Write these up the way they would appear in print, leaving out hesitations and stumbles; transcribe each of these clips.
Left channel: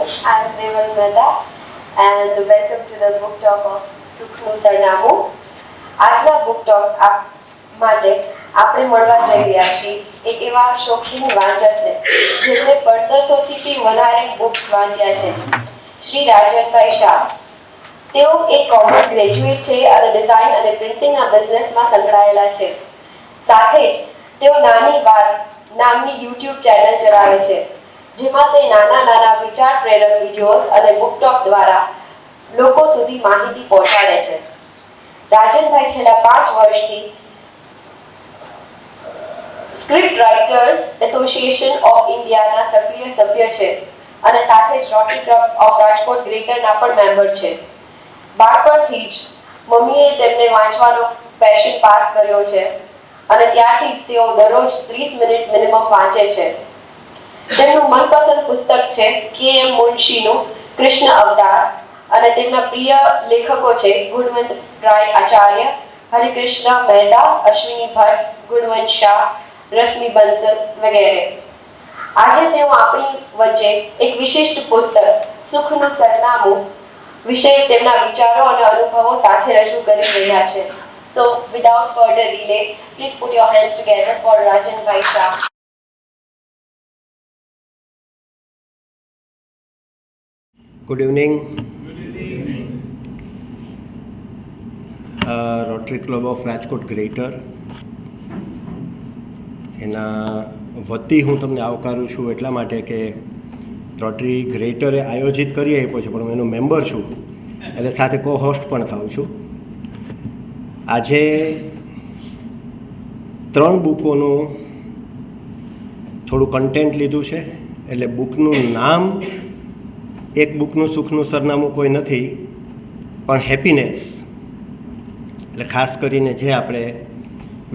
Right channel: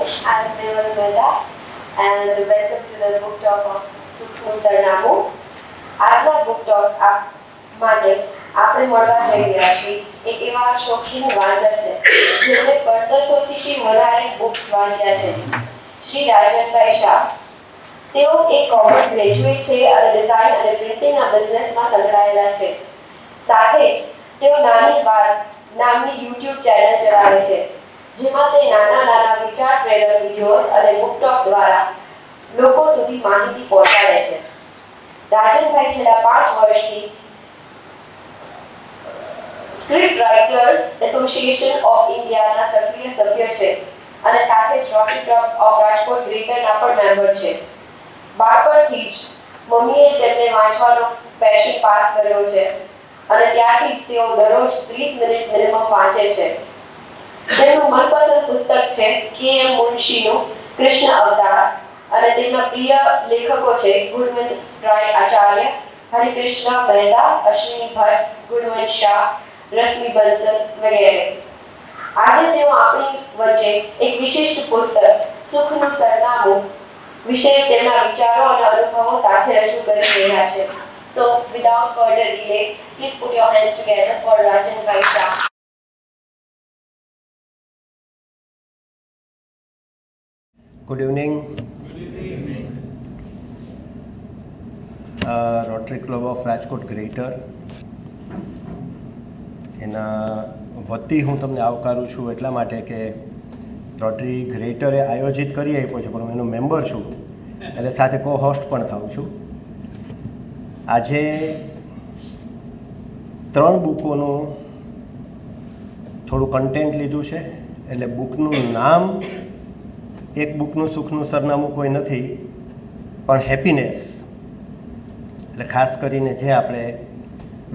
I am Deval Mehta and welcome to the book talk of સુખનું સરનામું. આજના book talk માટે આપણે મળવા જઈ રહ્યા છીએ એક એવા શોખીન વાંચકને જેમણે 1500થી વધારે બુક્સ વાંચ્યા છે, શ્રી રાજનભાઈ શાહ. તેઓ એક કોમર્સ ગ્રેજ્યુએટ છે અને ડિઝાઇન અને પ્રિન્ટિંગના બિઝનેસમાં સંકળાયેલા છે. સાથે જ તેઓ નાની વાત નામની યુટ્યુબ ચેનલ ચલાવે છે, જેમાં તે નાના વિચાર પ્રેરક વિડીયોઝ અને બુક ટોક દ્વારા લોકો સુધી માહિતી પહોંચાડે છે. રાજનભાઈ છેલ્લા 5 વર્ષથી સ્ક્રિપ્ટ રાઇટર્સ એસોસિએશન ઓફ ઇન્ડિયાના સક્રિય સભ્ય છે અને સાથે જ રોટરી ક્લબ ઓફ રાજકોટ ગ્રેટરના પણ મેમ્બર છે. બાળપણથી જ મમ્મીએ તેમને વાંચવાનો પેશન પાસ કર્યો છે અને ત્યારથી જ તેઓ દરરોજ 30 મિનિટ મિનિમમ વાંચે છે. તેમનું મનપસંદ પુસ્તક છે કે.એમ. મુનશીનું કૃષ્ણ અવતાર અને તેમના પ્રિય લેખકો છે ગુણવંત રાય આચાર્ય, હરિકૃષ્ણ મહેતા, અશ્વિની ભટ્ટ, ગુણવંત શાહ, રશ્મિ બંસલ વગેરે. આજે તેઓ આપણી વચ્ચે એક વિશિષ્ટ પુસ્તક સુખનું સરનામું વિશે તેમના વિચારો અને અનુભવો સાથે રજૂ કરી રહ્યા છે. So without further delay, please put your hands together for Rajanbhai Shah. Good evening. Rotary club of Rajkot greater એના વતી હું તમને આવકારું છું એટલા માટે કે રોટરી ગ્રેટરે આયોજિત કરી આપ્યો છે, પણ હું એનો મેમ્બર છું એટલે સાથે કો હોસ્ટ પણ થાઉં છું. આજે 3 બુકોનું થોડું કન્ટેન્ટ લીધું છે, એટલે બુકનું નામ એક બુકનું સુખનું સરનામું કોઈ નથી, પણ હેપીનેસ. એટલે ખાસ કરીને જે આપણે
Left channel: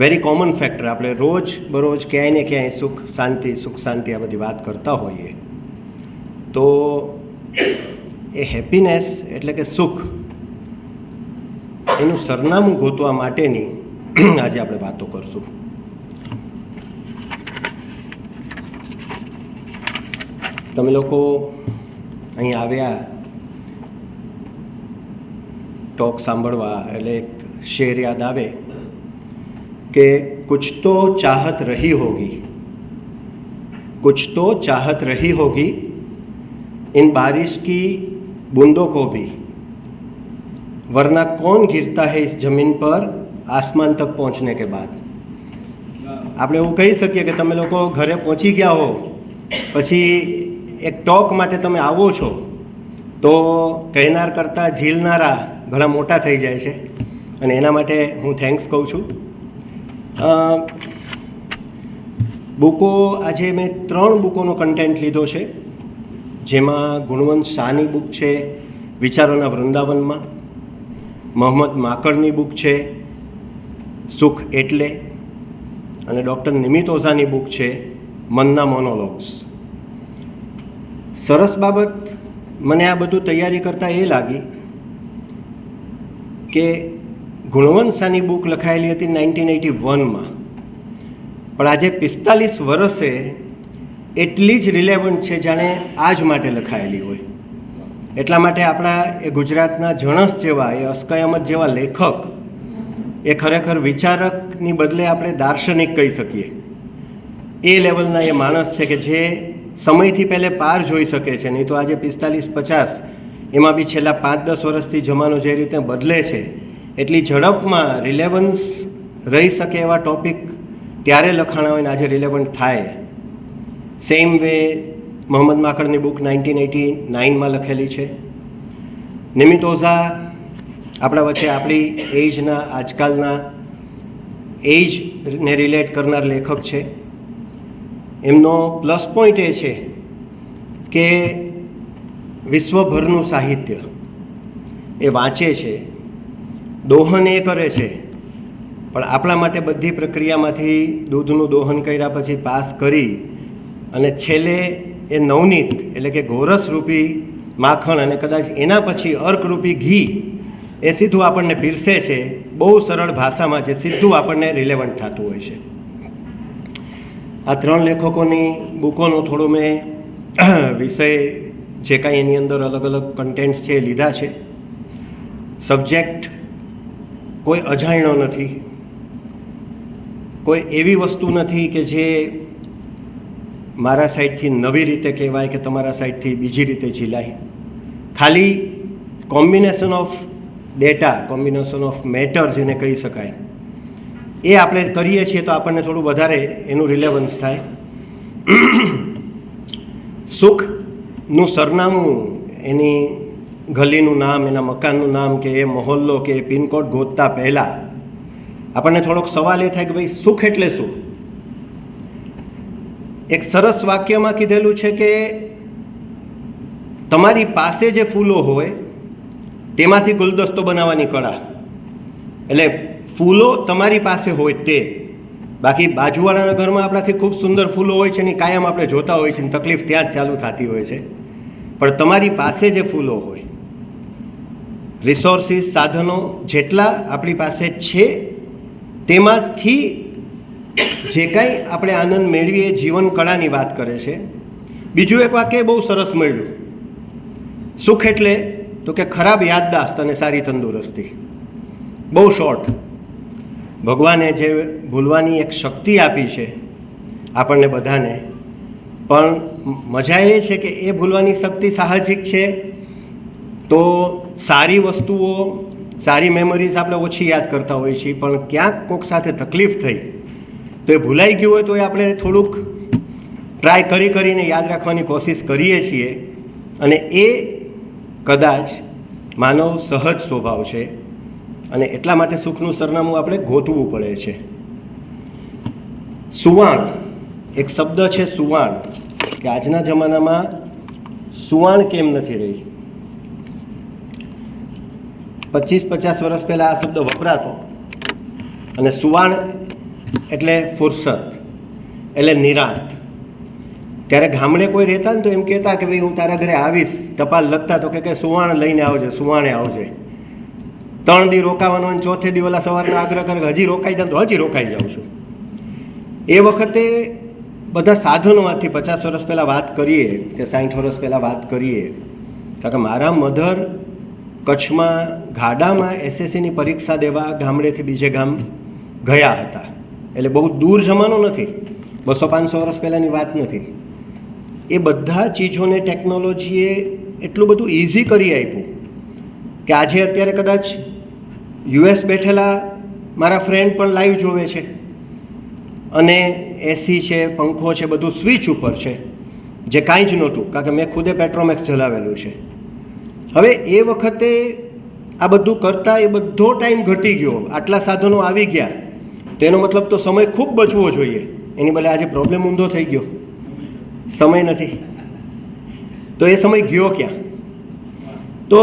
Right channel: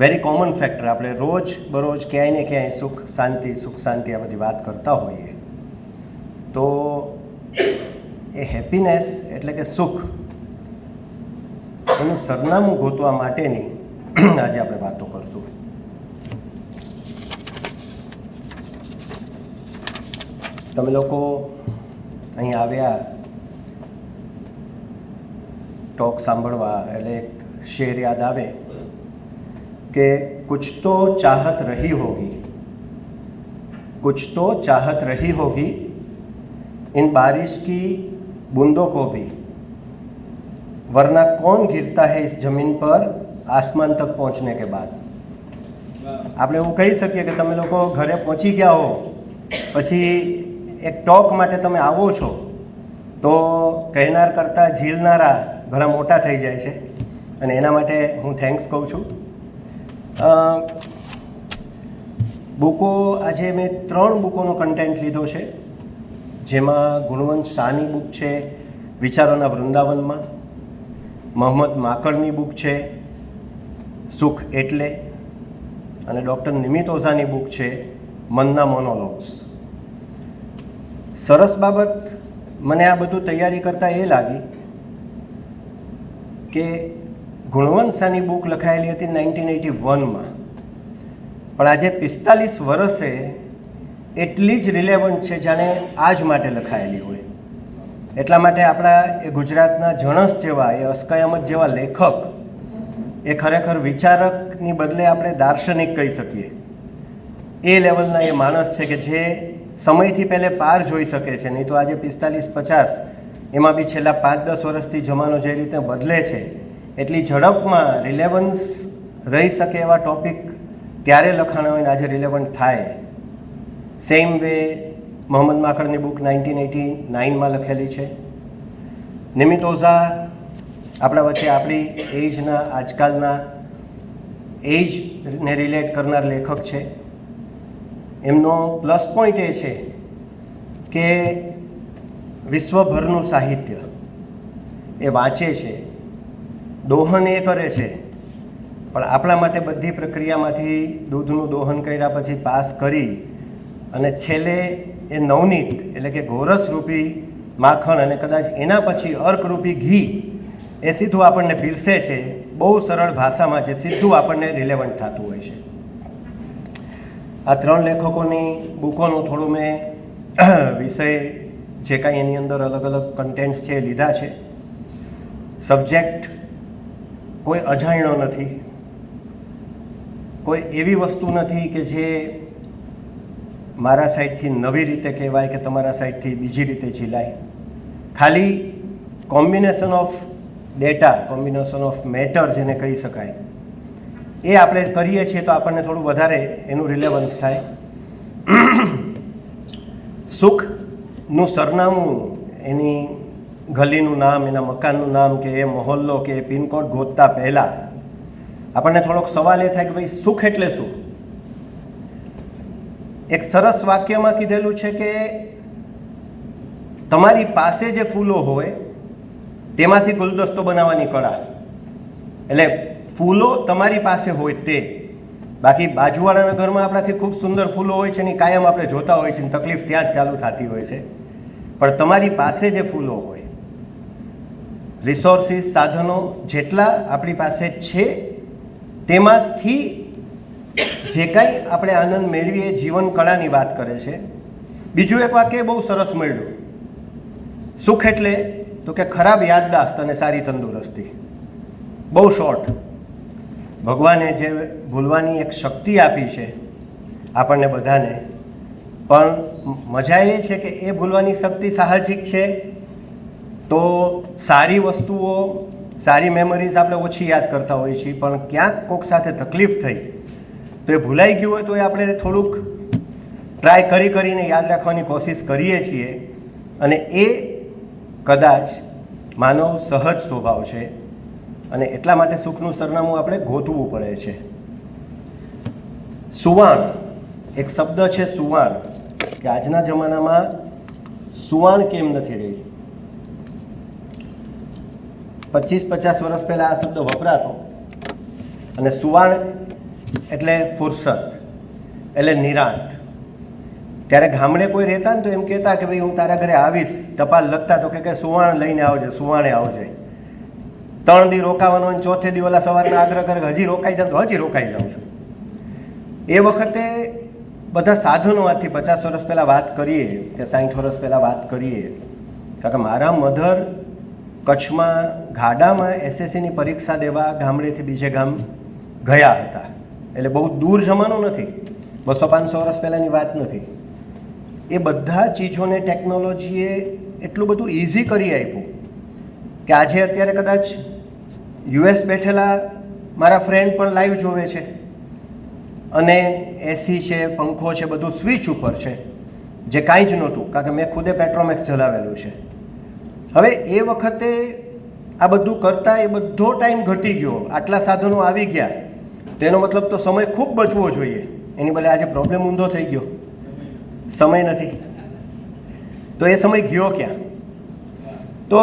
વેરી કોમન ફેક્ટર, આપણે રોજ બરોજ ક્યાંય ને ક્યાંય સુખ શાંતિ આ બધી વાત કરતા હોઈએ, તો એ હેપીનેસ એટલે કે સુખ એનું સરનામું ગોતવા માટેની આજે આપણે વાતો કરશું. તમે લોકો અહીં આવ્યા ટોક સાંભળવા એટલે એક શેર યાદ આવે કે कुछ तो चाहत रही होगी, कुछ तो चाहत रही होगी इन बारिश की बूंदों को भी, वरना कौन गिरता है इस जमीन पर आसमान तक पहुंचने के बाद. આપણે એવું કહી શકીએ કે તમે લોકો ઘરે પહોંચી ગયા હો, પછી એક ટોક માટે તમે આવો છો, તો કહેનાર કરતાં ઝીલનારા ઘણા મોટા થઈ જાય છે, અને એના માટે હું થેન્ક્સ કહું છું. બુકો આજે મેં 3 બુકોનો કન્ટેન્ટ લીધો છે, જેમાં ગુણવંત શાહની બુક છે વિચારોના વૃંદાવનમાં, મોહમ્મદ માકડની બુક છે સુખ એટલે, અને ડૉક્ટર નિમિત ઓઝાની બુક છે મનના મોનોલોગ્સ. સરસ બાબત મને આ બધું તૈયારી કરતાં એ લાગી કે ગુણવંત શાહની બુક લખાયેલી હતી 1981માં, પણ આજે 45 વર્ષે એટલી જ રિલેવન્ટ છે જાણે આજ માટે લખાયેલી હોય. એટલા માટે આપણા એ ગુજરાતના જણસ જેવા, એ અસ્કયામત જેવા લેખક એ ખરેખર વિચારકની બદલે આપણે દાર્શનિક કહી શકીએ. એ લેવલના એ માણસ છે કે જે સમયથી પહેલે પાર જોઈ શકે છે. નહીં તો આજે 45-50 એમાં બી છેલ્લા 5-10 વર્ષથી જમાનો જે રીતે બદલે છે, એટલી ઝડપમાં રિલેવન્સ રહી શકે એવા ટૉપિક ત્યારે લખાણા હોય ને આજે રિલેવન્ટ થાય. સેમ વે મોહમ્મદ માકડની બુક 1989માં લખેલી છે. નિમિત ઓઝા આપણા વચ્ચે આપણી એજના, આજકાલના એજને રિલેટ કરનાર લેખક છે. એમનો પ્લસ પોઈન્ટ એ છે કે વિશ્વભરનું સાહિત્ય એ વાંચે છે, દોહન એ કરે છે, પણ આપણા માટે બધી પ્રક્રિયામાંથી દૂધનું દોહન કર્યા પછી પાસ કરી અને છેલ્લે એ નવનીત એટલે કે ગોરસરૂપી માખણ અને કદાચ એના પછી અર્કરૂપી ઘી એ સીધું આપણને પીરસે છે, બહુ સરળ ભાષામાં, જે સીધું આપણને રિલેવન્ટ થતું હોય છે. આ 3 લેખકોની બુકોનું થોડું મેં વિષય જે કાંઈ એની અંદર અલગ અલગ કન્ટેન્ટ્સ છે એ લીધા છે. સબ્જેક્ટ કોઈ અજાણ્યો નથી, કોઈ એવી વસ્તુ નથી કે જે મારા સાઈડથી નવી રીતે કહેવાય કે તમારા સાઈડથી બીજી રીતે ઝીલાય. ખાલી combination of data, combination of matter જેને કહી શકાય, એ આપણે કરીએ છીએ તો આપણને થોડું વધારે એનું રિલેવન્સ થાય. સુખનું સરનામું, એની ગલીનું નામ, એના મકાનનું નામ કે એ મહોલ્લો કે એ પિનકોડ ગોતતા પહેલાં આપણને થોડોક સવાલ એ થાય કે ભાઈ સુખ એટલે શું? એક સરસ વાક્યમાં કીધેલું છે કે તમારી પાસે જે ફૂલો હોય તેમાંથી ગુલદસ્તો બનાવવાની કળા. એટલે ફૂલો તમારી પાસે હોય તે, બાકી બાજુવાળાના ઘરમાં આપણાથી ખૂબ સુંદર ફૂલો હોય છે ને કાયમ આપણે જોતા હોય છે ને તકલીફ ત્યાં જ ચાલુ થતી હોય છે. પણ તમારી પાસે જે ફૂલો હોય, રિસોર્સિસ, સાધનો જેટલા આપણી પાસે છે તેમાંથી જે કાંઈ આપણે આનંદ મેળવીએ, જીવન કળાની વાત કરે છે. બીજું એક વાક્ય બહુ સરસ મળ્યું, સુખ એટલે તો કે ખરાબ યાદદાસ્ત અને સારી તંદુરસ્તી. બહુ શોર્ટ. ભગવાને જે ભૂલવાની એક શક્તિ આપી છે આપણને બધાને, પણ મજા એ છે કે એ ભૂલવાની શક્તિ સાહજિક છે તો સારી વસ્તુઓ, સારી મેમરીઝ આપણે ઓછી યાદ કરતા હોઈએ છીએ, પણ ક્યાંક કોઈક સાથે તકલીફ થઈ તો એ ભૂલાઈ ગયું હોય તો એ આપણે થોડુંક ટ્રાય કરીને યાદ રાખવાની કોશિશ કરીએ છીએ. અને એ કદાચ માનવ સહજ સ્વભાવ છે અને એટલા માટે સુખનું સરનામું આપણે ગોતવું પડે છે. સુવાણ, એક શબ્દ છે સુવાણ, કે આજના જમાનામાં સુવાણ કેમ નથી રહી. 25-50 વર્ષ પહેલાં આ શબ્દ વપરાતો, અને સુવાણ એટલે ફુરસત, એટલે નિરાંત. ત્યારે ગામડે કોઈ રહેતા ને તો એમ કહેતા કે ભાઈ હું તારા ઘરે આવીશ, ટપાલ લખતા તો કે સુવાણ લઈને આવજે, સુવાણે આવજે. 3 દી રોકાવાનો અને ચોથે દી ઓલા સવારના આગ્રહ કરે હજી રોકાઈ જાઉં તો હજી રોકાઈ જાઉં છું. એ વખતે બધા સાધનો, આજથી 50 વર્ષ પહેલાં વાત કરીએ કે 60 વર્ષ પહેલાં વાત કરીએ, કારણ કે મારા મધર કચ્છમાં ગાડામાં એસએસસીની પરીક્ષા દેવા ગામડેથી બીજે ગામ ગયા હતા. એટલે બહુ દૂર જમાનો નથી, 200-500 વર્ષ પહેલાંની વાત નથી. એ બધા ચીજોને ટેકનોલોજીએ એટલું બધું ઇઝી કરી આપ્યું કે આજે અત્યારે કદાચ યુએસ બેઠેલા મારા ફ્રેન્ડ પણ લાઈવ જોવે છે, અને એસી છે, પંખો છે, બધું સ્વિચ ઉપર છે, જે કાંઈ જ નહોતું, કારણ કે મેં ખુદે પેટ્રોમેક્સ ચલાવેલું છે. હવે એ વખતે આ બધું કરતાં એ બધો ટાઈમ ઘટી ગયો, આટલા સાધનો આવી ગયા, તો એનો મતલબ તો સમય ખૂબ બચવો જોઈએ. એની બદલે આજે પ્રોબ્લેમ ઊંધો થઈ ગયો, સમય નથી. તો એ સમય ગયો ક્યાં? તો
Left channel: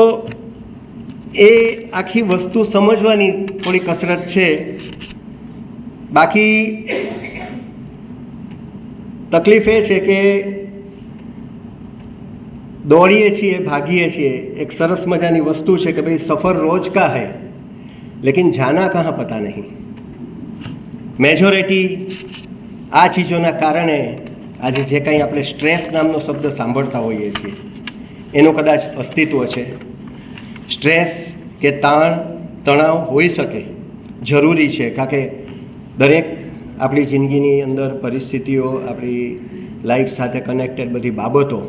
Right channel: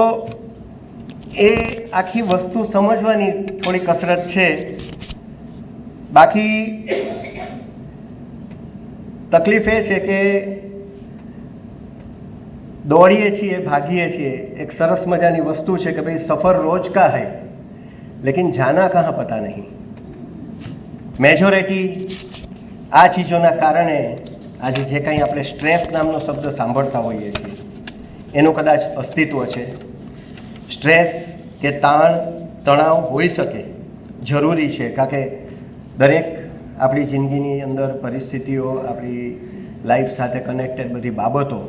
એ આખી વસ્તુ સમજવાની થોડી કસરત છે. બાકી તકલીફ એ છે કે દોડીએ છીએ, ભાગીએ છીએ. એક સરસ મજાની વસ્તુ છે કે ભાઈ સફર રોજ કા હૈ લેકિન જાના કહાં પતા નહીં. મેજોરિટી આ ચીજોના કારણે આજે જે કંઈ આપણે સ્ટ્રેસ નામનો શબ્દ સાંભળતા હોઈએ છીએ એનું કદાચ અસ્તિત્વ છે. સ્ટ્રેસ કે તાણ, તણાવ હોઈ શકે, જરૂરી છે, કારણ કે દરેક આપણી જિંદગીની અંદર પરિસ્થિતિઓ, આપણી લાઈફ સાથે કનેક્ટેડ બધી બાબતો,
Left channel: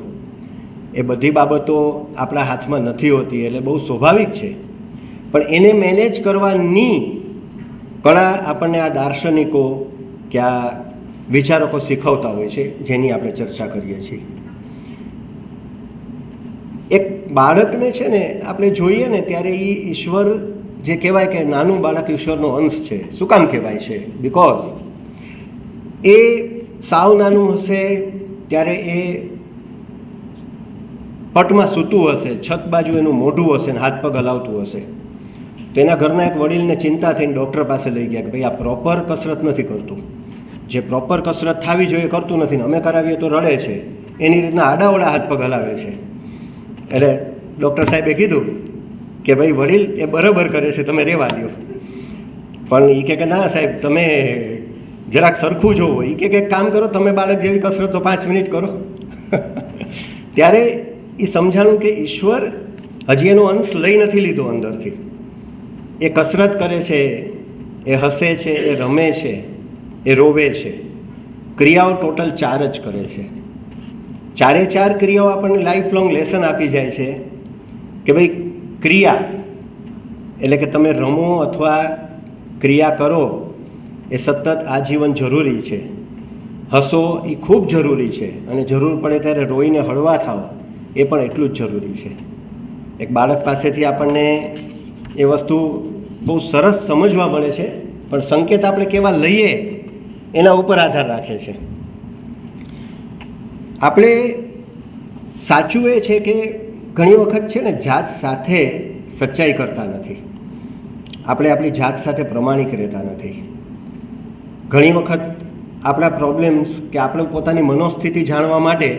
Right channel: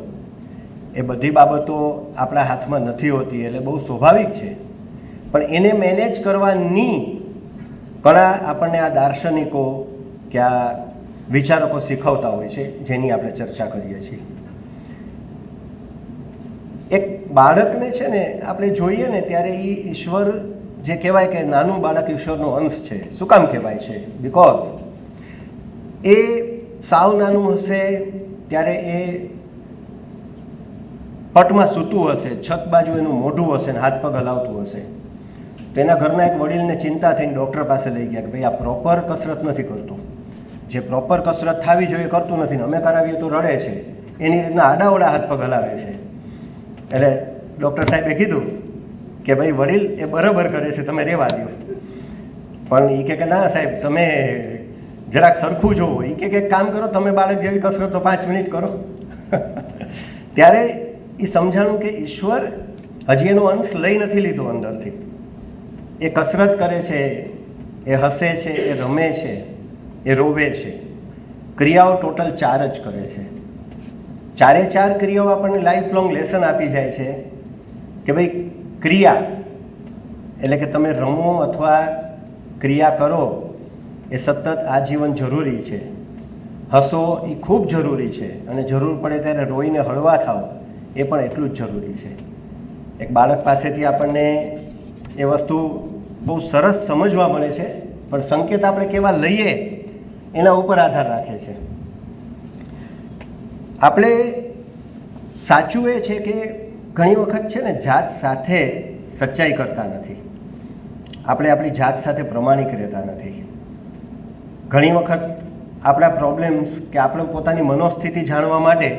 એ બધી બાબતો આપણા હાથમાં નથી હોતી, એટલે બહુ સ્વાભાવિક છે. પણ એને મેનેજ કરવાની કળા આપણને આ દાર્શનિકો કે આ વિચારકો શીખવતા હોય છે, જેની આપણે ચર્ચા કરીએ છીએ. એક બાળકને છે ને આપણે જોઈએ ને ત્યારે એ ઈશ્વર, જે કહેવાય કે નાનું બાળક ઈશ્વરનો અંશ છે. શું કામ કહેવાય છે? બિકોઝ એ સાવ નાનું હશે ત્યારે એ પટમાં સૂતું હશે, છત બાજુ એનું મોઢું હશે ને હાથ પગ હલાવતું હશે, તો એના ઘરના એક વડીલને ચિંતા થઈને ડૉક્ટર પાસે લઈ ગયા કે ભાઈ આ પ્રોપર કસરત નથી કરતું, જે પ્રોપર કસરત થવી જોઈએ કરતું નથી ને અમે કરાવીએ તો રડે છે, એની રીતના આડાવડા હાથ પગ હલાવે છે. એટલે ડૉક્ટર સાહેબે કીધું કે ભાઈ વડીલ એ બરાબર કરે છે, તમે રહેવા દો. પણ એ કે ના સાહેબ, તમે જરાક સરખું જોવો. એ કે કામ કરો, તમે બાળક જેવી કસરત તો 5 મિનિટ કરો. ત્યારે એ સમજાણું કે ઈશ્વર હજી એનો અંશ લઈ નથી લીધો અંદરથી. એ કસરત કરે છે, એ હસે છે, એ રમે છે, એ રોવે છે. ક્રિયાઓ ટોટલ 4 જ કરે છે. 4 ક્રિયાઓ આપણને લાઈફ લોંગ લેસન આપી જાય છે કે ભાઈ ક્રિયા એટલે કે તમે રમો અથવા ક્રિયા કરો એ સતત આજીવન જરૂરી છે. હસો એ ખૂબ જરૂરી છે અને જરૂર પડે ત્યારે રોઈને હળવા થાવ એ પણ એટલું જ જરૂરી છે. એક બાળક પાસેથી આપણને એ વસ્તુ બહુ સરસ સમજવા મળે છે, પણ સંકેત આપણે કેવા લઈએ એના ઉપર આધાર રાખે છે. આપણે સાચું એ છે કે ઘણી વખત છે ને જાત સાથે સચ્ચાઈ કરતા નથી. આપણે આપણી જાત સાથે પ્રમાણિક રહેતા નથી. ઘણી વખત આપણા પ્રોબ્લેમ્સ કે આપણે પોતાની મનોસ્થિતિ જાણવા માટે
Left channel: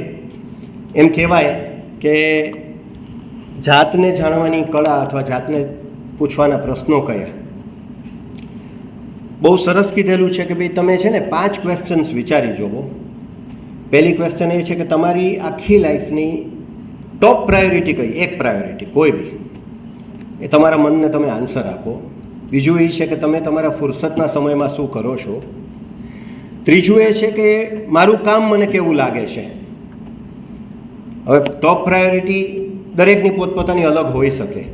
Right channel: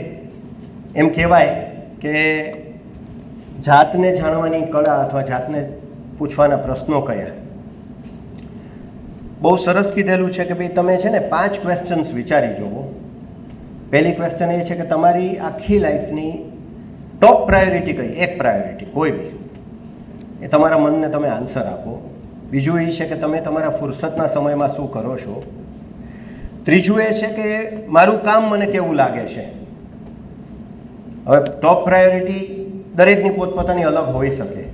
એમ કહેવાય કે જાતને જાણવાની કળા અથવા જાતને પૂછવાના પ્રશ્નો કયા. બહુ સરસ કીધેલું છે કે ભાઈ તમે છે ને 5 ક્વેશ્ચન્સ વિચારી જુઓ. પહેલી ક્વેશ્ચન એ છે કે તમારી આખી લાઈફની ટોપ પ્રાયોરિટી કઈ, એક પ્રાયોરિટી કોઈ બી, એ તમારા મનને તમે આન્સર આપો. બીજું એ છે કે તમે તમારા ફુરસતના સમયમાં શું કરો છો. ત્રીજું એ છે કે મારું કામ મને કેવું લાગે છે. હવે ટોપ પ્રાયોરિટી દરેકની પોતપોતાની અલગ હોઈ શકે.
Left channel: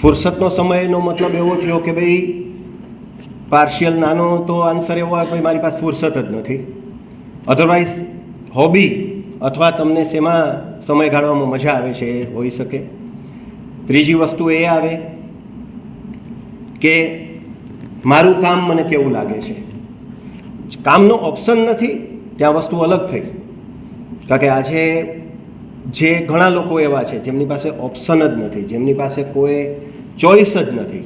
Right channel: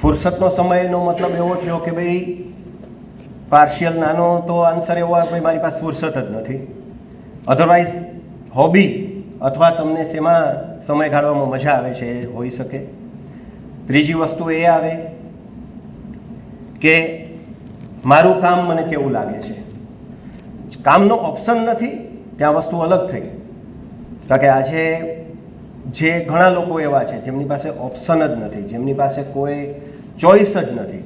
ફુરસતનો સમયનો મતલબ એવો થયો કે ભાઈ પાર્શિયલ નાનો તો આન્સર એવો હોય કે મારી પાસે ફુરસત જ નથી. અધરવાઇઝ હોબી અથવા તમને શેમાં સમય ગાળવામાં મજા આવે છે એ હોઈ શકે. ત્રીજી વસ્તુ એ આવે કે મારું કામ મને કેવું લાગે છે. કામનો ઓપ્શન નથી ત્યાં વસ્તુ અલગ થઈ. કારણ કે આજે જે ઘણા લોકો એવા છે જેમની પાસે ઓપ્શન જ નથી, જેમની પાસે કોઈ ચોઈસ જ નથી,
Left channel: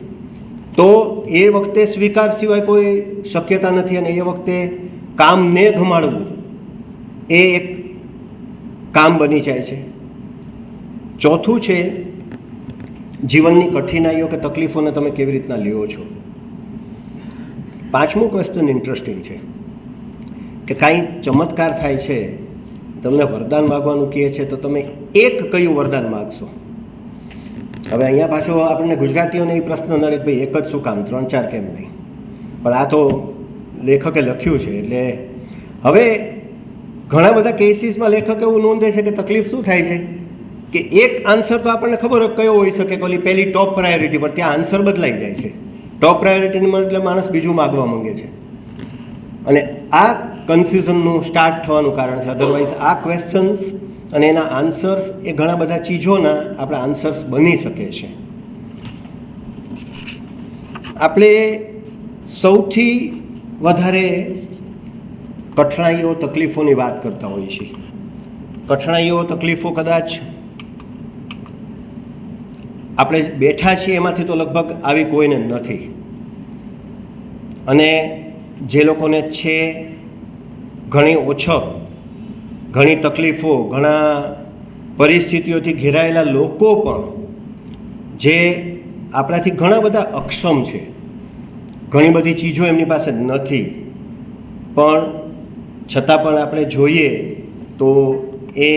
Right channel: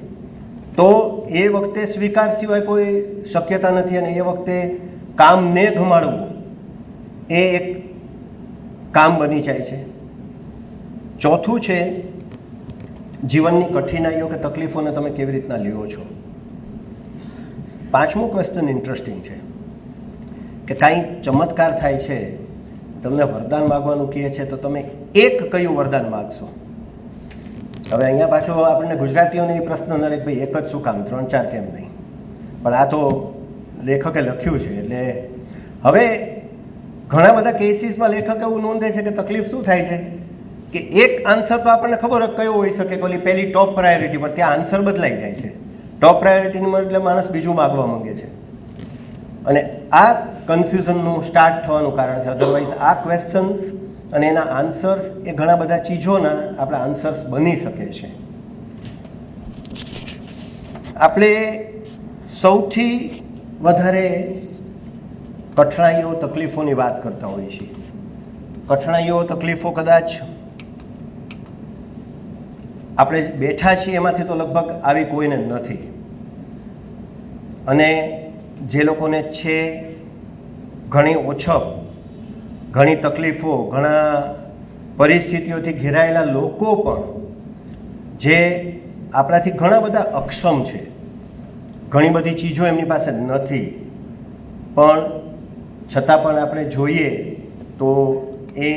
તો એ વખતે સ્વીકાર સિવાય કોઈ શક્યતા નથી અને એ વખતે કામને ગમાડવું એ એક કામ બની જાય છે. ચોથું છે જીવનની કઠિનાઈઓ કે તકલીફોને તમે કેવી રીતના લ્યો છો. 5મું ક્વેશ્ચન ઇન્ટરેસ્ટિંગ છે કે કાંઈ ચમત્કાર થાય છે, તમને વરદાન માગવાનું કહે છે તો તમે એક કયું વરદાન માગશો. હવે અહીંયા પાછો આપણને ગુજરાતીઓને એ પ્રશ્ન નડે કે ભાઈ એક જ શું કામ, 3-4 કેમ નહીં. પણ આ તો લેખકે લખ્યું છે એટલે હવે ઘણા બધા કેસીસમાં લેખક એવું નોંધે છે કે તકલીફ શું થાય છે કે એક આન્સર તો આપણને ખબર હોય કયો હોઈ શકે કે ઓલી પહેલી ટોપ પ્રાયોરિટી પર, ત્યાં આન્સર બદલાઈ જાય છે. ટોપ પ્રાયોરિટીની એટલે માણસ બીજું માગવા માંગે છે અને આ કન્ફ્યુઝનનું સ્ટાર્ટ થવાનું કારણ છે. અધરવાઇઝ આ ક્વેશ્ચન્સ અને એના આન્સર્સ એ ઘણા બધા ચીજોના આપણા આન્સર્સ બની શકે છે. આપણે સૌથી વધારે કઠણાઈઓ તકલીફોની વાત કરતા હોઈએ છીએ. કઠણાઈઓ તકલીફો કદાચ આપણે બેઠા છીએ એમાંથી તો લગભગ આવી કોઈને નથી, અને જે લોકોને છે ઘણી ઓછપ, ઘણી તકલીફો, ઘણા પરિસ્થિતિઓથી ઘેરાયેલા લોકો પણ જે આપણાથી ઘણા બધા અક્ષમ છે, ઘણી બધી ચીજો એમની પાસે નથી, પણ છતાં પણ આપણે જોઈએ તો એ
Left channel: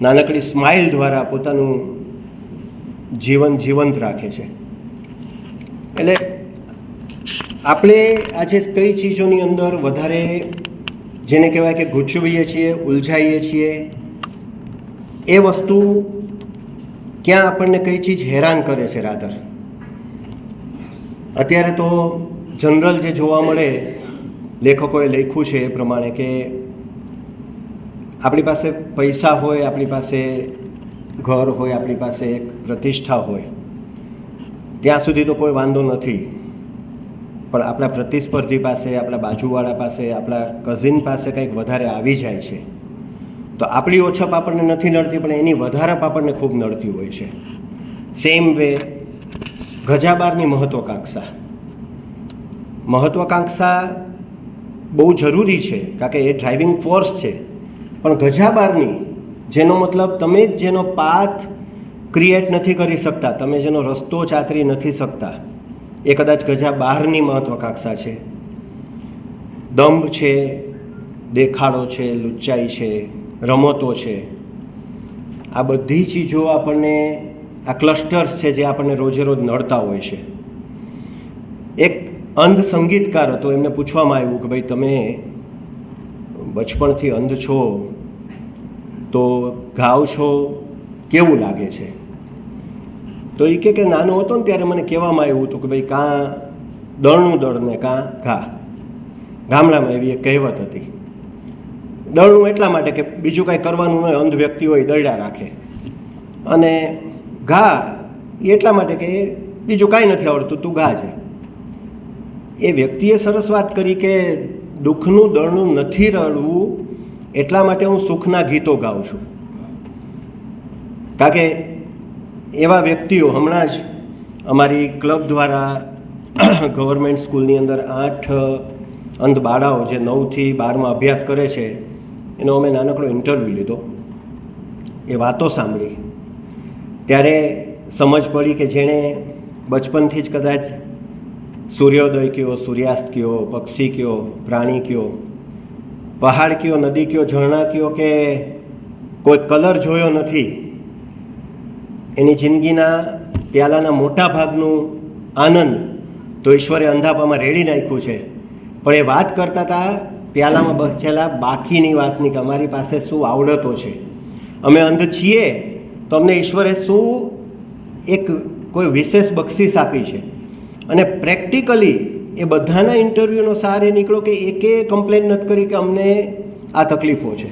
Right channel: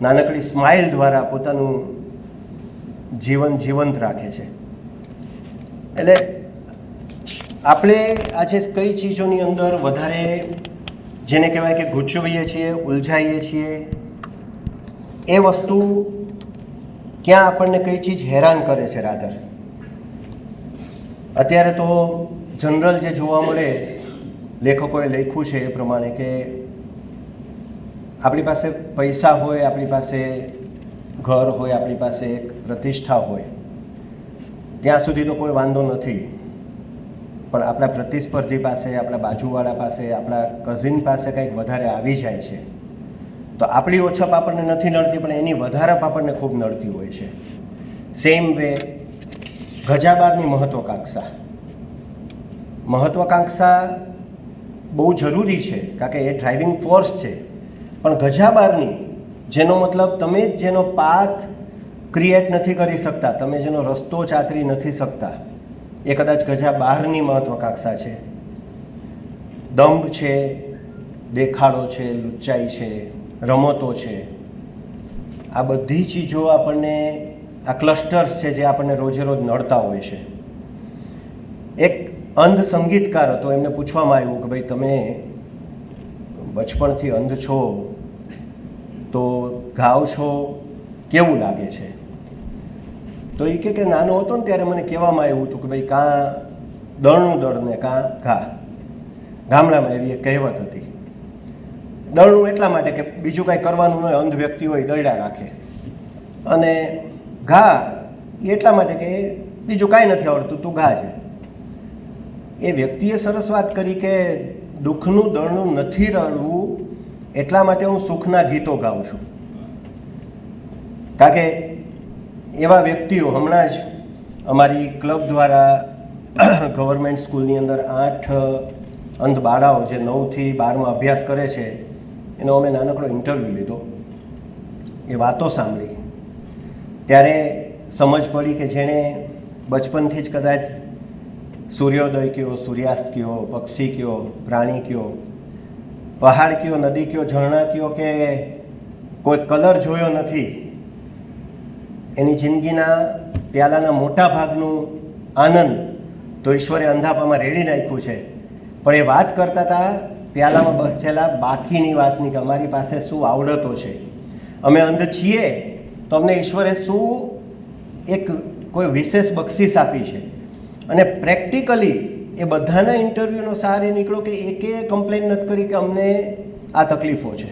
નાનકડી સ્માઇલ દ્વારા પોતાનું જીવન જીવંત રાખે છે. એટલે આપણે આજે કઈ ચીજોની અંદર વધારે જેને કહેવાય કે ગૂંચવીએ છીએ, ઉલઝાઈએ છીએ, એ વસ્તુ ક્યાં આપણને કઈ ચીજ હેરાન કરે છે. રાધર અત્યારે તો જનરલ જે જોવા મળે, લેખકોએ લખ્યું છે એ પ્રમાણે કે આપણી પાસે પૈસા હોય, આપણી પાસે ઘર હોય, આપણી પાસે એક પ્રતિષ્ઠા હોય, ત્યાં સુધી તો કોઈ વાંધો નથી. પણ આપણા પ્રતિસ્પર્ધી પાસે, આપણા બાજુવાળા પાસે, આપણા કઝિન પાસે કંઈક વધારે આવી જાય છે તો આપણી ઓછપ આપણને નથી નડતી, પણ એની વધારપ આપણને ખૂબ નડતી હોય છે. સેમ વે ગજાબારની મહત્વાકાંક્ષા બહુ જરૂરી છે કારણ કે એ ડ્રાઇવિંગ ફોર્સ છે, પણ ગજાબારની જેનો મતલબ તમે જ જેનો પાથ ક્રિએટ નથી કરી શકતા, તમે જેનો રસ્તો ચાતરી નથી શકતા, એ કદાચ ગજા બહારની મહત્વાકાંક્ષા છે. દંભ છે, દેખાડો છે, લુચ્ચાઈ છે, રમતો છે, આ બધી ચીજો આપણને, આ ક્લસ્ટર્સ છે જે આપણને રોજે રોજ નડતા હોય છે. એક અંધ સંગીતકાર હતો, એમને પૂછવામાં આવ્યું કે ભાઈ તમે બચપણથી અંધ છો તો ગાઓ છો, કેવું લાગે છે? તો એ કે નાનો હતો ને ત્યારે મને કહેવામાં આવ્યું હતું કે ભાઈ કાં દળનું દળ ને કાં ઘા. ગામડામાં એવી એક કહેવત હતી. દળનું એટલા માટે કે બીજું કાંઈ કરવાનું નહીં, અંધ વ્યક્તિ હોય દળ્યા રાખે, અને ઘા એ એટલા માટે કે બીજું કાંઈ નથી આવડતું, તું ઘા છે. એ વ્યક્તિએ સરસ વાત કરી કે દુઃખનું દળનું નથી રડવું, એટલા માટે હું સુખના ગીતો ગાઉં છું. કારણ કે એવા વ્યક્તિઓ, હમણાં જ અમારી ક્લબ દ્વારા ગવર્મેન્ટ સ્કૂલની અંદર 8 અંધ બાળાઓ જે 9થી 12માં અભ્યાસ કરે છે એનો અમે નાનકડો ઇન્ટરવ્યૂ લીધો. એ વાતો સાંભળી ત્યારે સમજ પડી કે જેણે બચપનથી જ કદાચ સૂર્યોદય કયો, સૂર્યાસ્ત કયો, પક્ષી કયો, પ્રાણી કયો, પહાડ કયો, નદી કયો, ઝરણા કયો કે કોઈ કલર જોયો નથી, એની જિંદગીના પ્યાલાના મોટા ભાગનું આનંદ તો ઈશ્વરે અંધાપામાં રેડી નાખ્યું છે. પણ એ વાત કરતા હતા પ્યાલામાં બચેલા બાકીની વાતની, કે અમારી પાસે શું આવડતો છે, અમે અંધ છીએ તો અમને ઈશ્વરે શું એક કોઈ વિશેષ બક્ષિસ આપી છે. અને પ્રેક્ટિકલી એ બધાના ઇન્ટરવ્યૂનો સાર એ નીકળ્યો કે એકે કમ્પ્લેન નથી કરી કે અમને આ તકલીફો છે.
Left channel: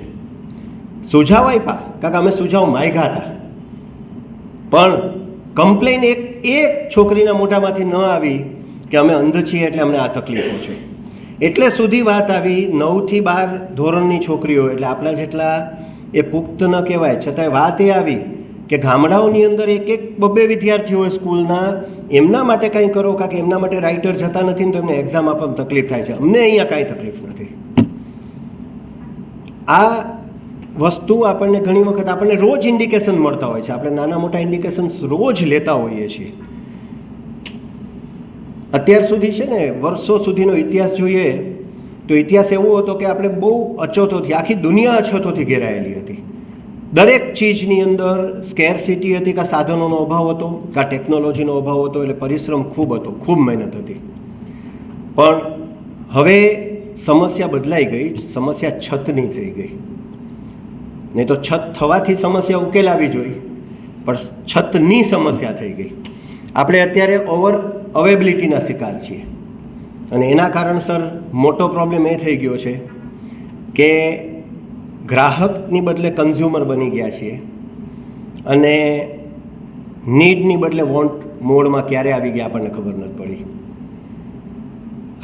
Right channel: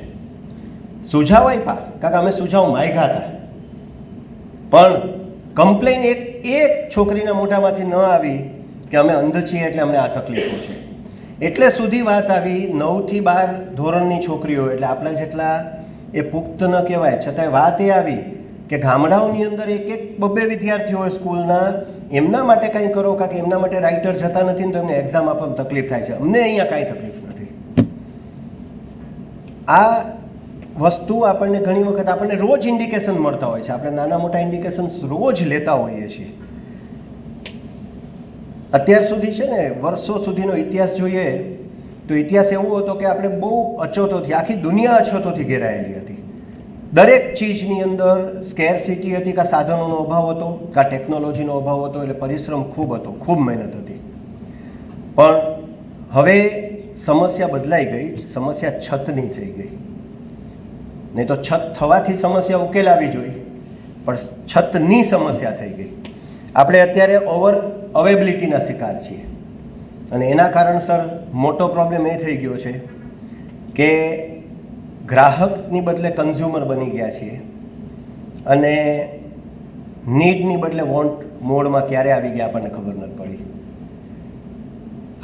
સુઝાવ આપ્યા, કારણ કે અમે સુઝાવ માગ્યા હતા, પણ કમ્પ્લેન એક છોકરીના મોઢામાંથી ન આવી કે અમે અંધ છીએ એટલે અમને આ તકલીફો છે. એટલે સુધી વાત આવી 9થી 12 ધોરણની છોકરીઓ, એટલે આપણા જેટલા એ પુખ્ત ન કહેવાય, છતાંય વાત એ આવી કે ગામડાઓની અંદર એક 2 વિદ્યાર્થીઓ હોય સ્કૂલના, એમના માટે કંઈ કરો, કારણ કે એમના માટે રાઇટર જતા નથી ને તો એમને એક્ઝામ આપવામાં તકલીફ થાય છે. અમને અહીંયા કાંઈ તકલીફ નથી. આ વસ્તુ આપણને ઘણી વખત આપણને રોજ ઇન્ડિકેશન મળતા હોય છે. આપણે નાના મોટા ઇન્ડિકેશન્સ રોજ લેતા હોઈએ છીએ. અત્યાર સુધી છે ને, વર્ષો સુધીનો ઇતિહાસ જોઈએ તો ઇતિહાસ એવો હતો કે આપણે બહુ અછતોથી, આખી દુનિયા અછતોથી ઘેરાયેલી હતી. દરેક ચીજની અંદર સ્કેરસિટી હતી, કાં સાધનોનો અભાવ હતો, કાં ટેકનોલોજીનો અભાવ હતો, એટલે પરિશ્રમ ખૂબ હતો, ખૂબ મહેનત હતી. પણ હવે સમસ્યા બદલાઈ ગઈ, સમસ્યા છતની થઈ ગઈ. નહીં તો છત થવાથી સમસ્યા ઉકેલાવી જોઈએ, પણ છતની સમસ્યા થઈ ગઈ. આપણે અત્યારે અવેબિલિટીના શિકાર છીએ, અને એના કારણસર મોટો પ્રોબ્લેમ એ થઈ ગયો છે કે ગ્રાહકની બદલે કન્ઝ્યુમર બની ગયા છીએ, અને નીડની બદલે વોન્ટ મોડમાં ક્યારે આવી ગયા આપણને ખબર નથી પડી.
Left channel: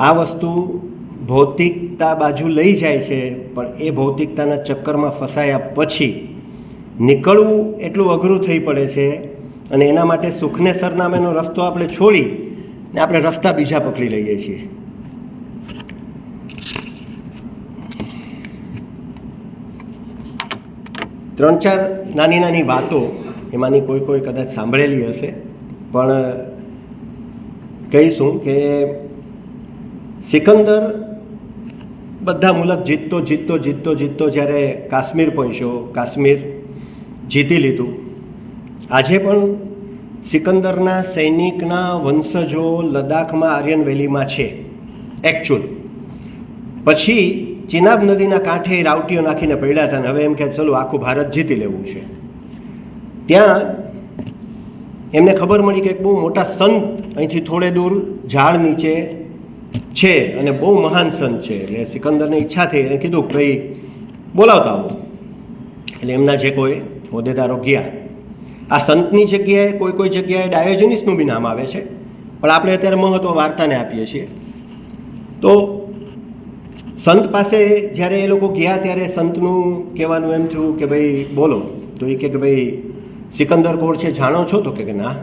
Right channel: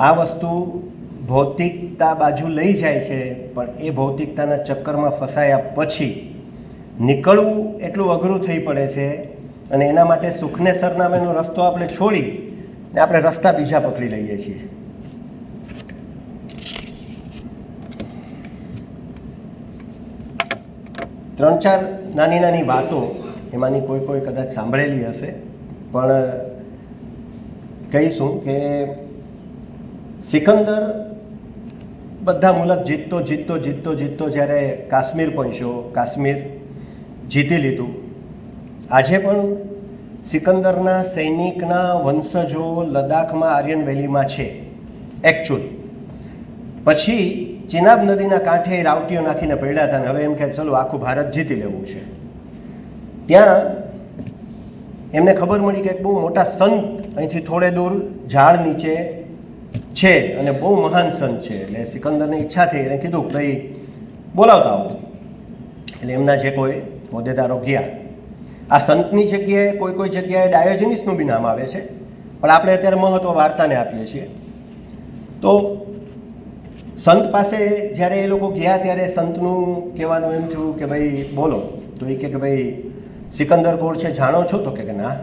આ વસ્તુ ભૌતિકતા બાજુ લઈ જાય છે, પણ એ ભૌતિકતાના ચક્કરમાં ફસાયા પછી નીકળવું એટલું અઘરું થઈ પડે છે. અને એના માટે સુખને સરનામેનો રસ્તો આપણે છોડી ને આપણે રસ્તા બીજા પકડી લઈએ છીએ. ત્રણ ચાર નાની વાતો, એમાંની કોઈ કદાચ સાંભળેલી હશે, પણ કહીશું કે સિકંદર બધા મુલક જીતતો જ્યારે કાશ્મીર પહોંચ્યો, કાશ્મીર જીતી લીધું. આજે પણ સિકંદરના સૈનિકના વંશજો લદ્દાખમાં આર્યન વેલીમાં છે એકચ્યુઅલ. પછી ચિનાબ નદીના કાંઠે રાવટીઓ નાખીને પડ્યા હતા, ને હવે એમ કે ચલો આખું ભારત જીતી લેવું છે. ત્યાં એમને ખબર મળી કે એક બહુ મોટા સંત અહીંથી થોડે દૂર ઝાડ નીચે છે, અને બહુ મહાન સંત છે. એટલે સિકંદરને ઈચ્છા થઈ, એને કીધું ભાઈ બોલાવતા આવો. એટલે એમના જે કોઈ હોદ્દેદારો ગયા. આ સંતની જગ્યાએ કોઈ જગ્યાએ ડાયોજનિસનું બી નામ આવે છે, પણ આપણે અત્યારે મહત્ત્વ વાર્તાને આપીએ છીએ. તો સંત પાસે જ્યારે એ લોકો ગયા ત્યારે સંતનું કહેવાનું એમ થયું કે ભાઈ બોલો. તો એ કે ભાઈ સિકંદર કોણ છે જાણો છો? તો કે ના,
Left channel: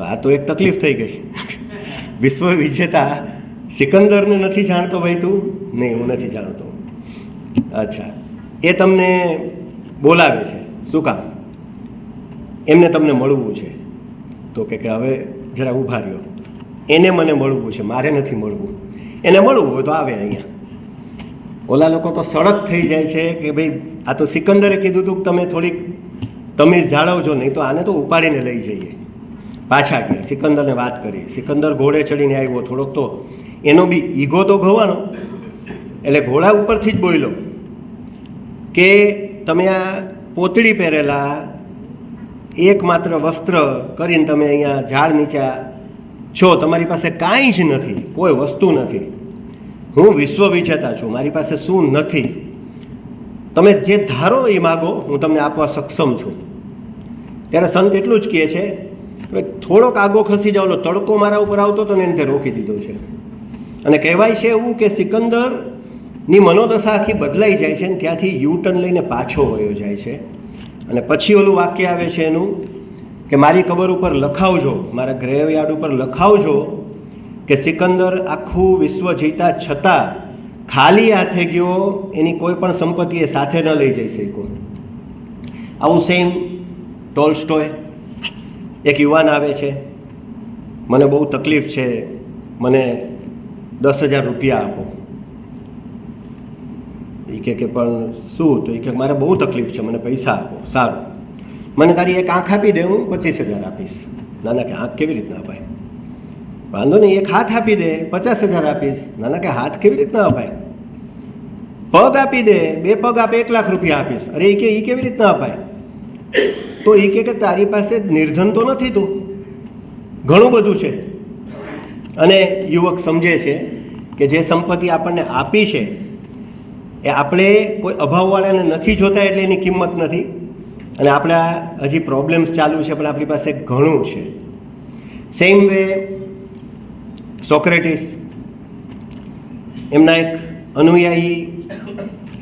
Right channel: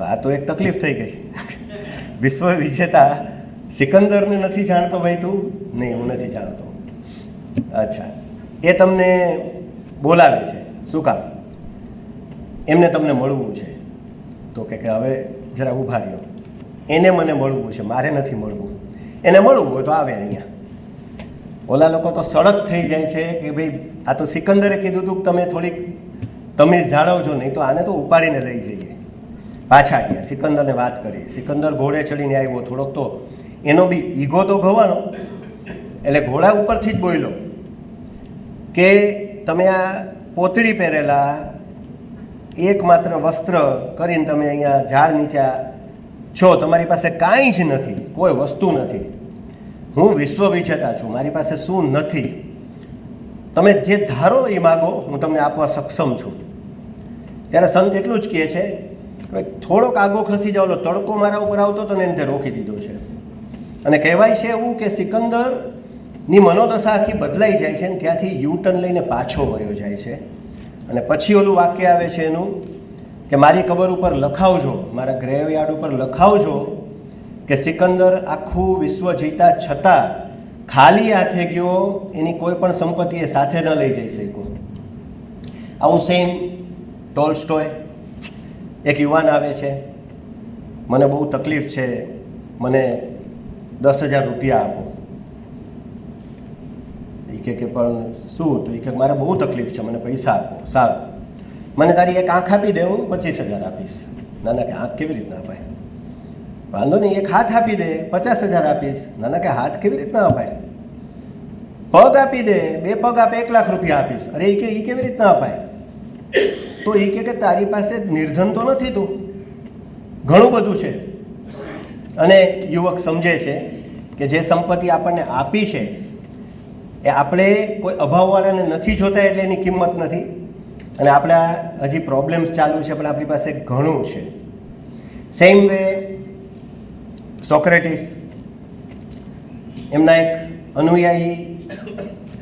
આ તો એક તકલીફ થઈ ગઈ. વિશ્વ વિજેતા સિકંદરને નથી જાણતો ભાઈ તું? નહીં, હું નથી જાણતો. અચ્છા, એ તમને બોલાવે છે, શું કામ? એમને તમને મળવું છે. તો કે હવે જરા ઊભા રહ્યો, એને મને મળવું છે, મારે નથી મળવું. એને મળવું હોય તો આવે અહીંયા. ઓલા લોકો તો સડક થઈ જાય છે કે ભાઈ આ તો સિકંદરે કીધું હતું કે તમે થોડીક તમીઝ જાળવજો, નહીં તો આને તો ઉપાડીને લઈ જઈએ. પાછા ગયા, સિકંદરને વાત કરી. સિકંદર ઘોડે ચડીને આવ્યો, થોડોક તો એનો બી ઈગો તો ઘવાનો, એટલે ઘોડા ઉપરથી જ બોલ્યો કે તમે આ પોતળી પહેરેલા એકમાત્ર વસ્ત્ર કરીને તમે અહીંયા ઝાડ નીચે છો, તમારી પાસે કાંઈ જ નથી, કોઈ વસ્તુ નથી. હું વિશ્વ વિજેતા છું, મારી પાસે શું નથી, તમે જે ધારો એ માગો, હું તમને આપવા સક્ષમ છું. ત્યારે સંત એટલું જ કહે છે, થોડોક આગો ખસી જાવ, તડકો મારા ઉપર આવતો હતો ને એને તે રોકી દીધો છે. અને કહેવાય છે એવું કે સિકંદરની મનોદશા આખી બદલાઈ જાય છે, ને ત્યાંથી યુટર્ન લઈને પાછો વયો જાય છે. અને પછી ઓલું વાક્ય આવે છે એનું કે મારી કબર ઉપર લખાવજો, મારા ગ્રેવયાર્ડ ઉપર લખાવજો કે સિકંદર આખું વિશ્વ જીતા છતાં ખાલી હાથે ગયો, એની કોઈ પણ સંપત્તિ એ સાથે ન લઈ જઈ શક્યો. આવું સેમ ટોલ્સ્ટોય. એક યુવાન આવે છે, મને બહુ તકલીફ છે, મને 10,000 રૂપિયા આપો. એ કે પણ શું? તો એ કે મારે બહુ તકલીફ છે, મને પૈસા આપો. સારું, મને તારી એક આંખ આપી દે, હું 25,000 આપીશ. નાના કે આંખ કેવી રીતના અપાય? વાંધો નહીં, એક હાથ આપી દે, 50,000 આપીશ. નાના કે હાથ કેવી રીતના અપાય? પગ આપી દે, 2 પગ આપે, 1 લાખ રૂપિયા આપીશ. અરે એ કેવી રીતના અપાય? તો એ કે તારી પાસે નિર્ધન તો નથી, તું ઘણું બધું છે. અને યુવક સમજે છે કે જે સંપત્તિ આપણને આપી છે એ આપણે કોઈ અભાવવાળાને નથી જોતા, એટલે એની કિંમત નથી. અને આપણા હજી પ્રોબ્લેમ્સ ચાલુ છે, પણ આપણી પાસે ઘણું છે. સેમ વે સોક્રેટિસ, એમના એક અનુયાયી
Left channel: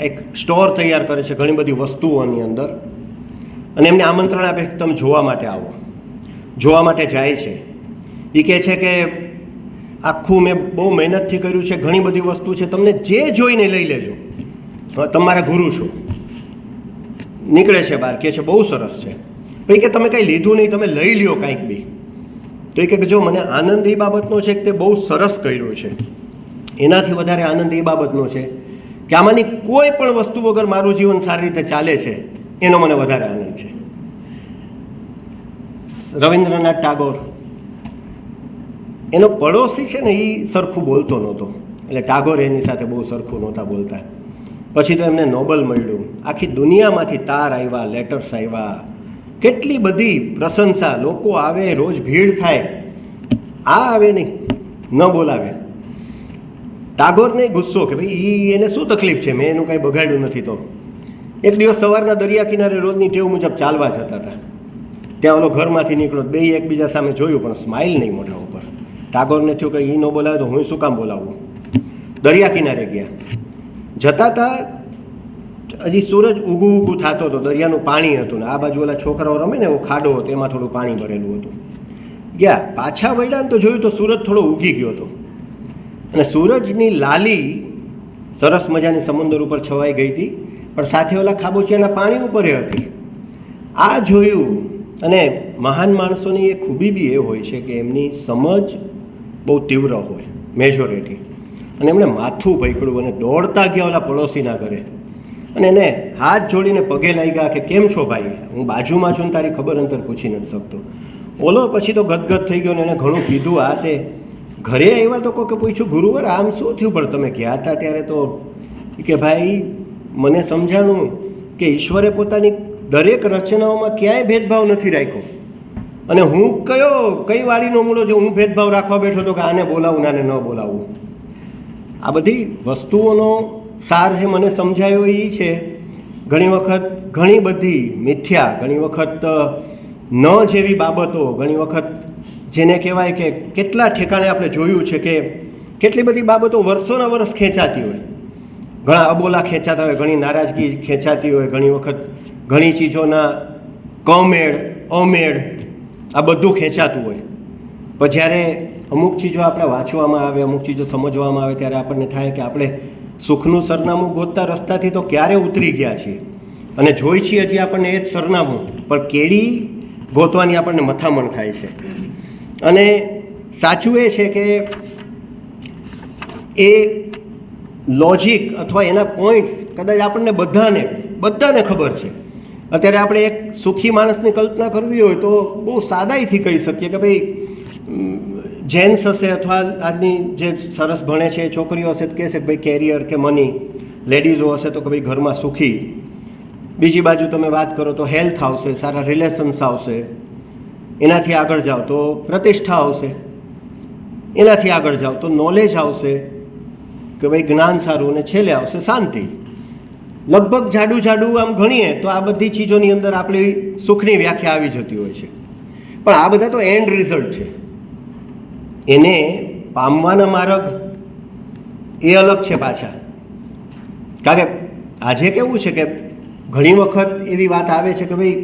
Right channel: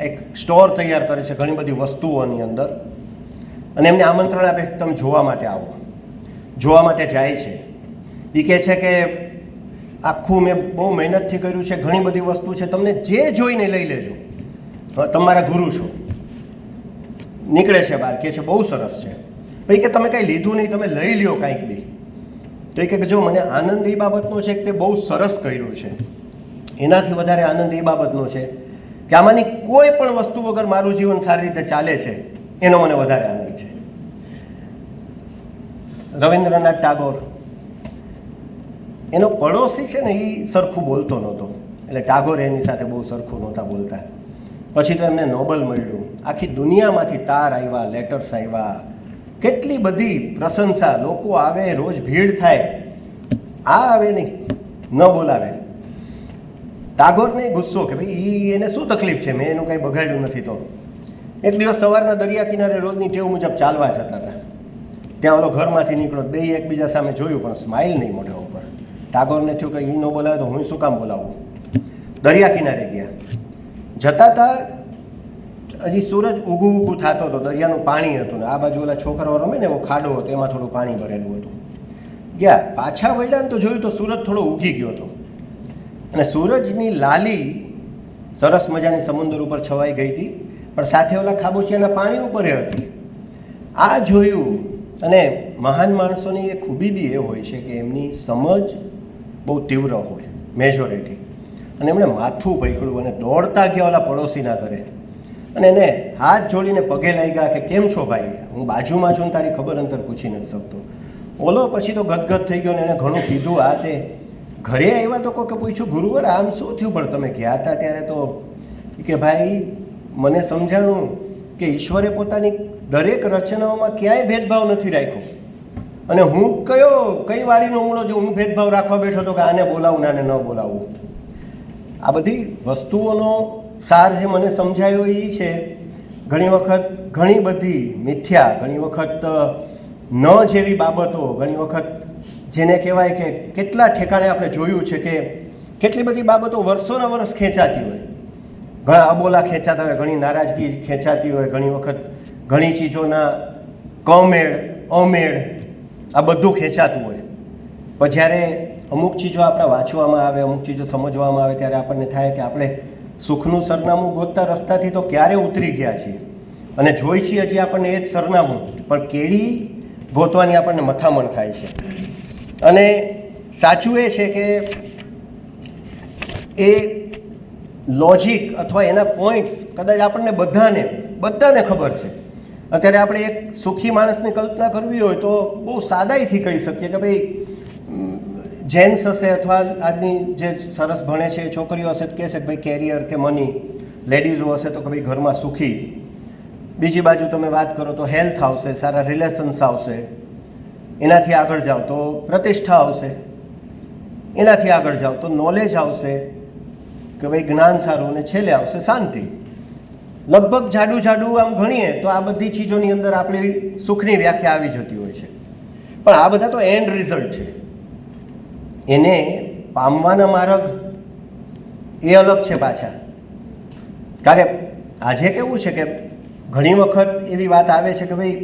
એક સ્ટોર તૈયાર કરે છે ઘણી બધી વસ્તુઓની અંદર, અને એમને આમંત્રણ આપે કે તમે જોવા માટે આવો. જોવા માટે જાય છે. એ કહે છે કે આખું મેં બહુ મહેનતથી કર્યું છે, ઘણી બધી વસ્તુ છે, તમને જે જોઈને લઈ લેજો, તમારા ગુરુ છો. નીકળે છે બહાર, કહે છે બહુ સરસ છે. પછી કે તમે કંઈ લીધું નહીં, તમે લઈ લ્યો કાંઈક બી. તો એ કે જો મને આનંદ એ બાબતનો છે કે તે બહુ સરસ કર્યું છે. એનાથી વધારે આનંદ એ બાબતનો છે કે આમાંની કોઈ પણ વસ્તુ વગર મારું જીવન સારી રીતે ચાલે છે, એનો મને વધારે આનંદ છે. રવિન્દ્રનાથ ટાગોર, એનો પડોશી છે ને, એ સરખું બોલતો નહોતો, એટલે ટાગોર એની સાથે બહુ સરખું નહોતા બોલતા. પછી તો એમને નોબલ મળ્યું, આખી દુનિયામાંથી તાર આવ્યા, લેટર્સ આવ્યા, કેટલી બધી પ્રશંસા, લોકો આવે, રોજ ભીડ થાય. આ આવે નહીં, ન બોલાવે. ટાગોરને ગુસ્સો કે ભાઈ એને શું તકલીફ છે, મેં એનું કંઈ બગાડ્યું નથી. તો એક દિવસ સવારના દરિયા કિનારે રોજની ટેવ મુજબ ચાલવા જતા હતા. ત્યાં ઓલો ઘરમાંથી નીકળો, બે એકબીજા સામે જોયું, પણ સ્માઇલ નહીં મોઢા ઉપર. ટાગોરને થયું કે એ ન બોલાવે તો હું શું કામ બોલાવું. દરિયા કિનારે ગયા. જતા હતા, હજી સૂરજ ઊગું થતો હતો, દરિયાનું પાણી હતું, ને આ બાજુ ઓલા છોકરાઓ રમે ને એવો ખાડો હતો, એમાં થોડું પાણી ભરેલું હતું. ગયા, પાછા વળ્યા ને તો જોયું તો સૂરજ થોડો ઉગી ગયો હતો, અને સૂરજની લાલી સરસ મજાની સમુદ્ર ઉપર છવાઈ ગઈ હતી, પણ સાથે ઓલા ખાબોચિયાના પાણી ઉપર હતી. આ જોયું. અને મહાન માણસોની એ ખૂબી બી એ હોય છે કે એમની સમજ બહુ તીવ્ર હોય, મેજોરિટી. અને એમણે માથું પકડ્યું અને દોડતા ગયા ઓલા પડોશીના ઘરે, અને એને હાથ જોડીને પગે લાગ્યા કે કેમ છો ભાઈ, હું બાજુમાં છું ને તારી ખબર અંતર પૂછી નથી શકતો. ઓલો પછી તો ગદગદ થઈ ગયો ને એને ઘણું કીધું. આ તે ઘરે આવ્યા તો કોઈ પૂછ્યું, ગુરુવાર આમ શું થયું? પણ તમે ગયા હતા ત્યારે તો કે ભાઈ મને સમજાણું કે ઈશ્વરે પોતાની દરેક રચનાઓમાં ક્યાંય ભેદભાવ નથી રાખ્યો, અને હું કઈ વાડીનો મૂળો જો હું ભેદભાવ રાખવા બેઠો હતો કે આને બોલાવું ને આને ન બોલાવું. આ બધી વસ્તુઓનો સાર છે મને સમજાયો એ છે, ઘણી વખત ઘણી બધી મિથ્યા, ઘણી વખત ન જેવી બાબતો, ઘણી વખત જેને કહેવાય કે કેટલા ઠેકાણે આપણે જોયું છે કે કેટલી બધી બાબતો વર્ષોના વર્ષ ખેંચાતી હોય, ઘણા અબોલા ખેંચાતા હોય, ઘણી નારાજગી ખેંચાતી હોય, ઘણી વખત ઘણી ચીજોના કમેળ અમેળ આ બધું ખેંચાતું હોય. પણ જ્યારે અમુક ચીજો આપણે વાંચવામાં આવે, અમુક ચીજો સમજવામાં આવે, ત્યારે આપણને થાય કે આપણે સુખનું સરનામું ગોતતા રસ્તાથી તો ક્યારે ઉતરી ગયા છીએ, અને જોઈ છીએ હજી આપણને એ જ સરનામું, પણ કેડી ગોતવાની આપણને મથામણ થાય છે. અને સાચું એ છે કે એ લોજિક અથવા એના પોઈન્ટ્સ કદાચ આપણને બધાને ખબર છે, અત્યારે આપણે એક સુખી માણસની કલ્પના કરવી હોય તો બહુ સાદાઈથી કહી શકીએ કે ભાઈ જેન્ટ્સ હશે અથવા આજની જે સરસ ભણે છે એ છોકરીઓ હશે તો કહેશે કે ભાઈ કેરિયર કે મની, લેડીઝો હશે તો કે ભાઈ ઘરમાં સુખી. બીજી બાજુ તમે વાત કરો તો હેલ્થ આવશે, સારા રિલેશન્સ આવશે, એનાથી આગળ જાઓ તો પ્રતિષ્ઠા આવશે, એનાથી આગળ જાઓ તો નોલેજ આવશે કે ભાઈ જ્ઞાન સારું, અને છેલ્લે આવશે શાંતિ. લગભગ જાડું આમ ગણીએ તો આ બધી ચીજોની અંદર આપણી સુખની વ્યાખ્યા આવી જતી હોય છે. પણ આ બધા તો એન્ડ રિઝલ્ટ છે, એને પામવાના માર્ગ એ અલગ છે પાછા. કારણ કે આજે કેવું છે કે ઘણી વખત એવી વાત આવે છે કે ભાઈ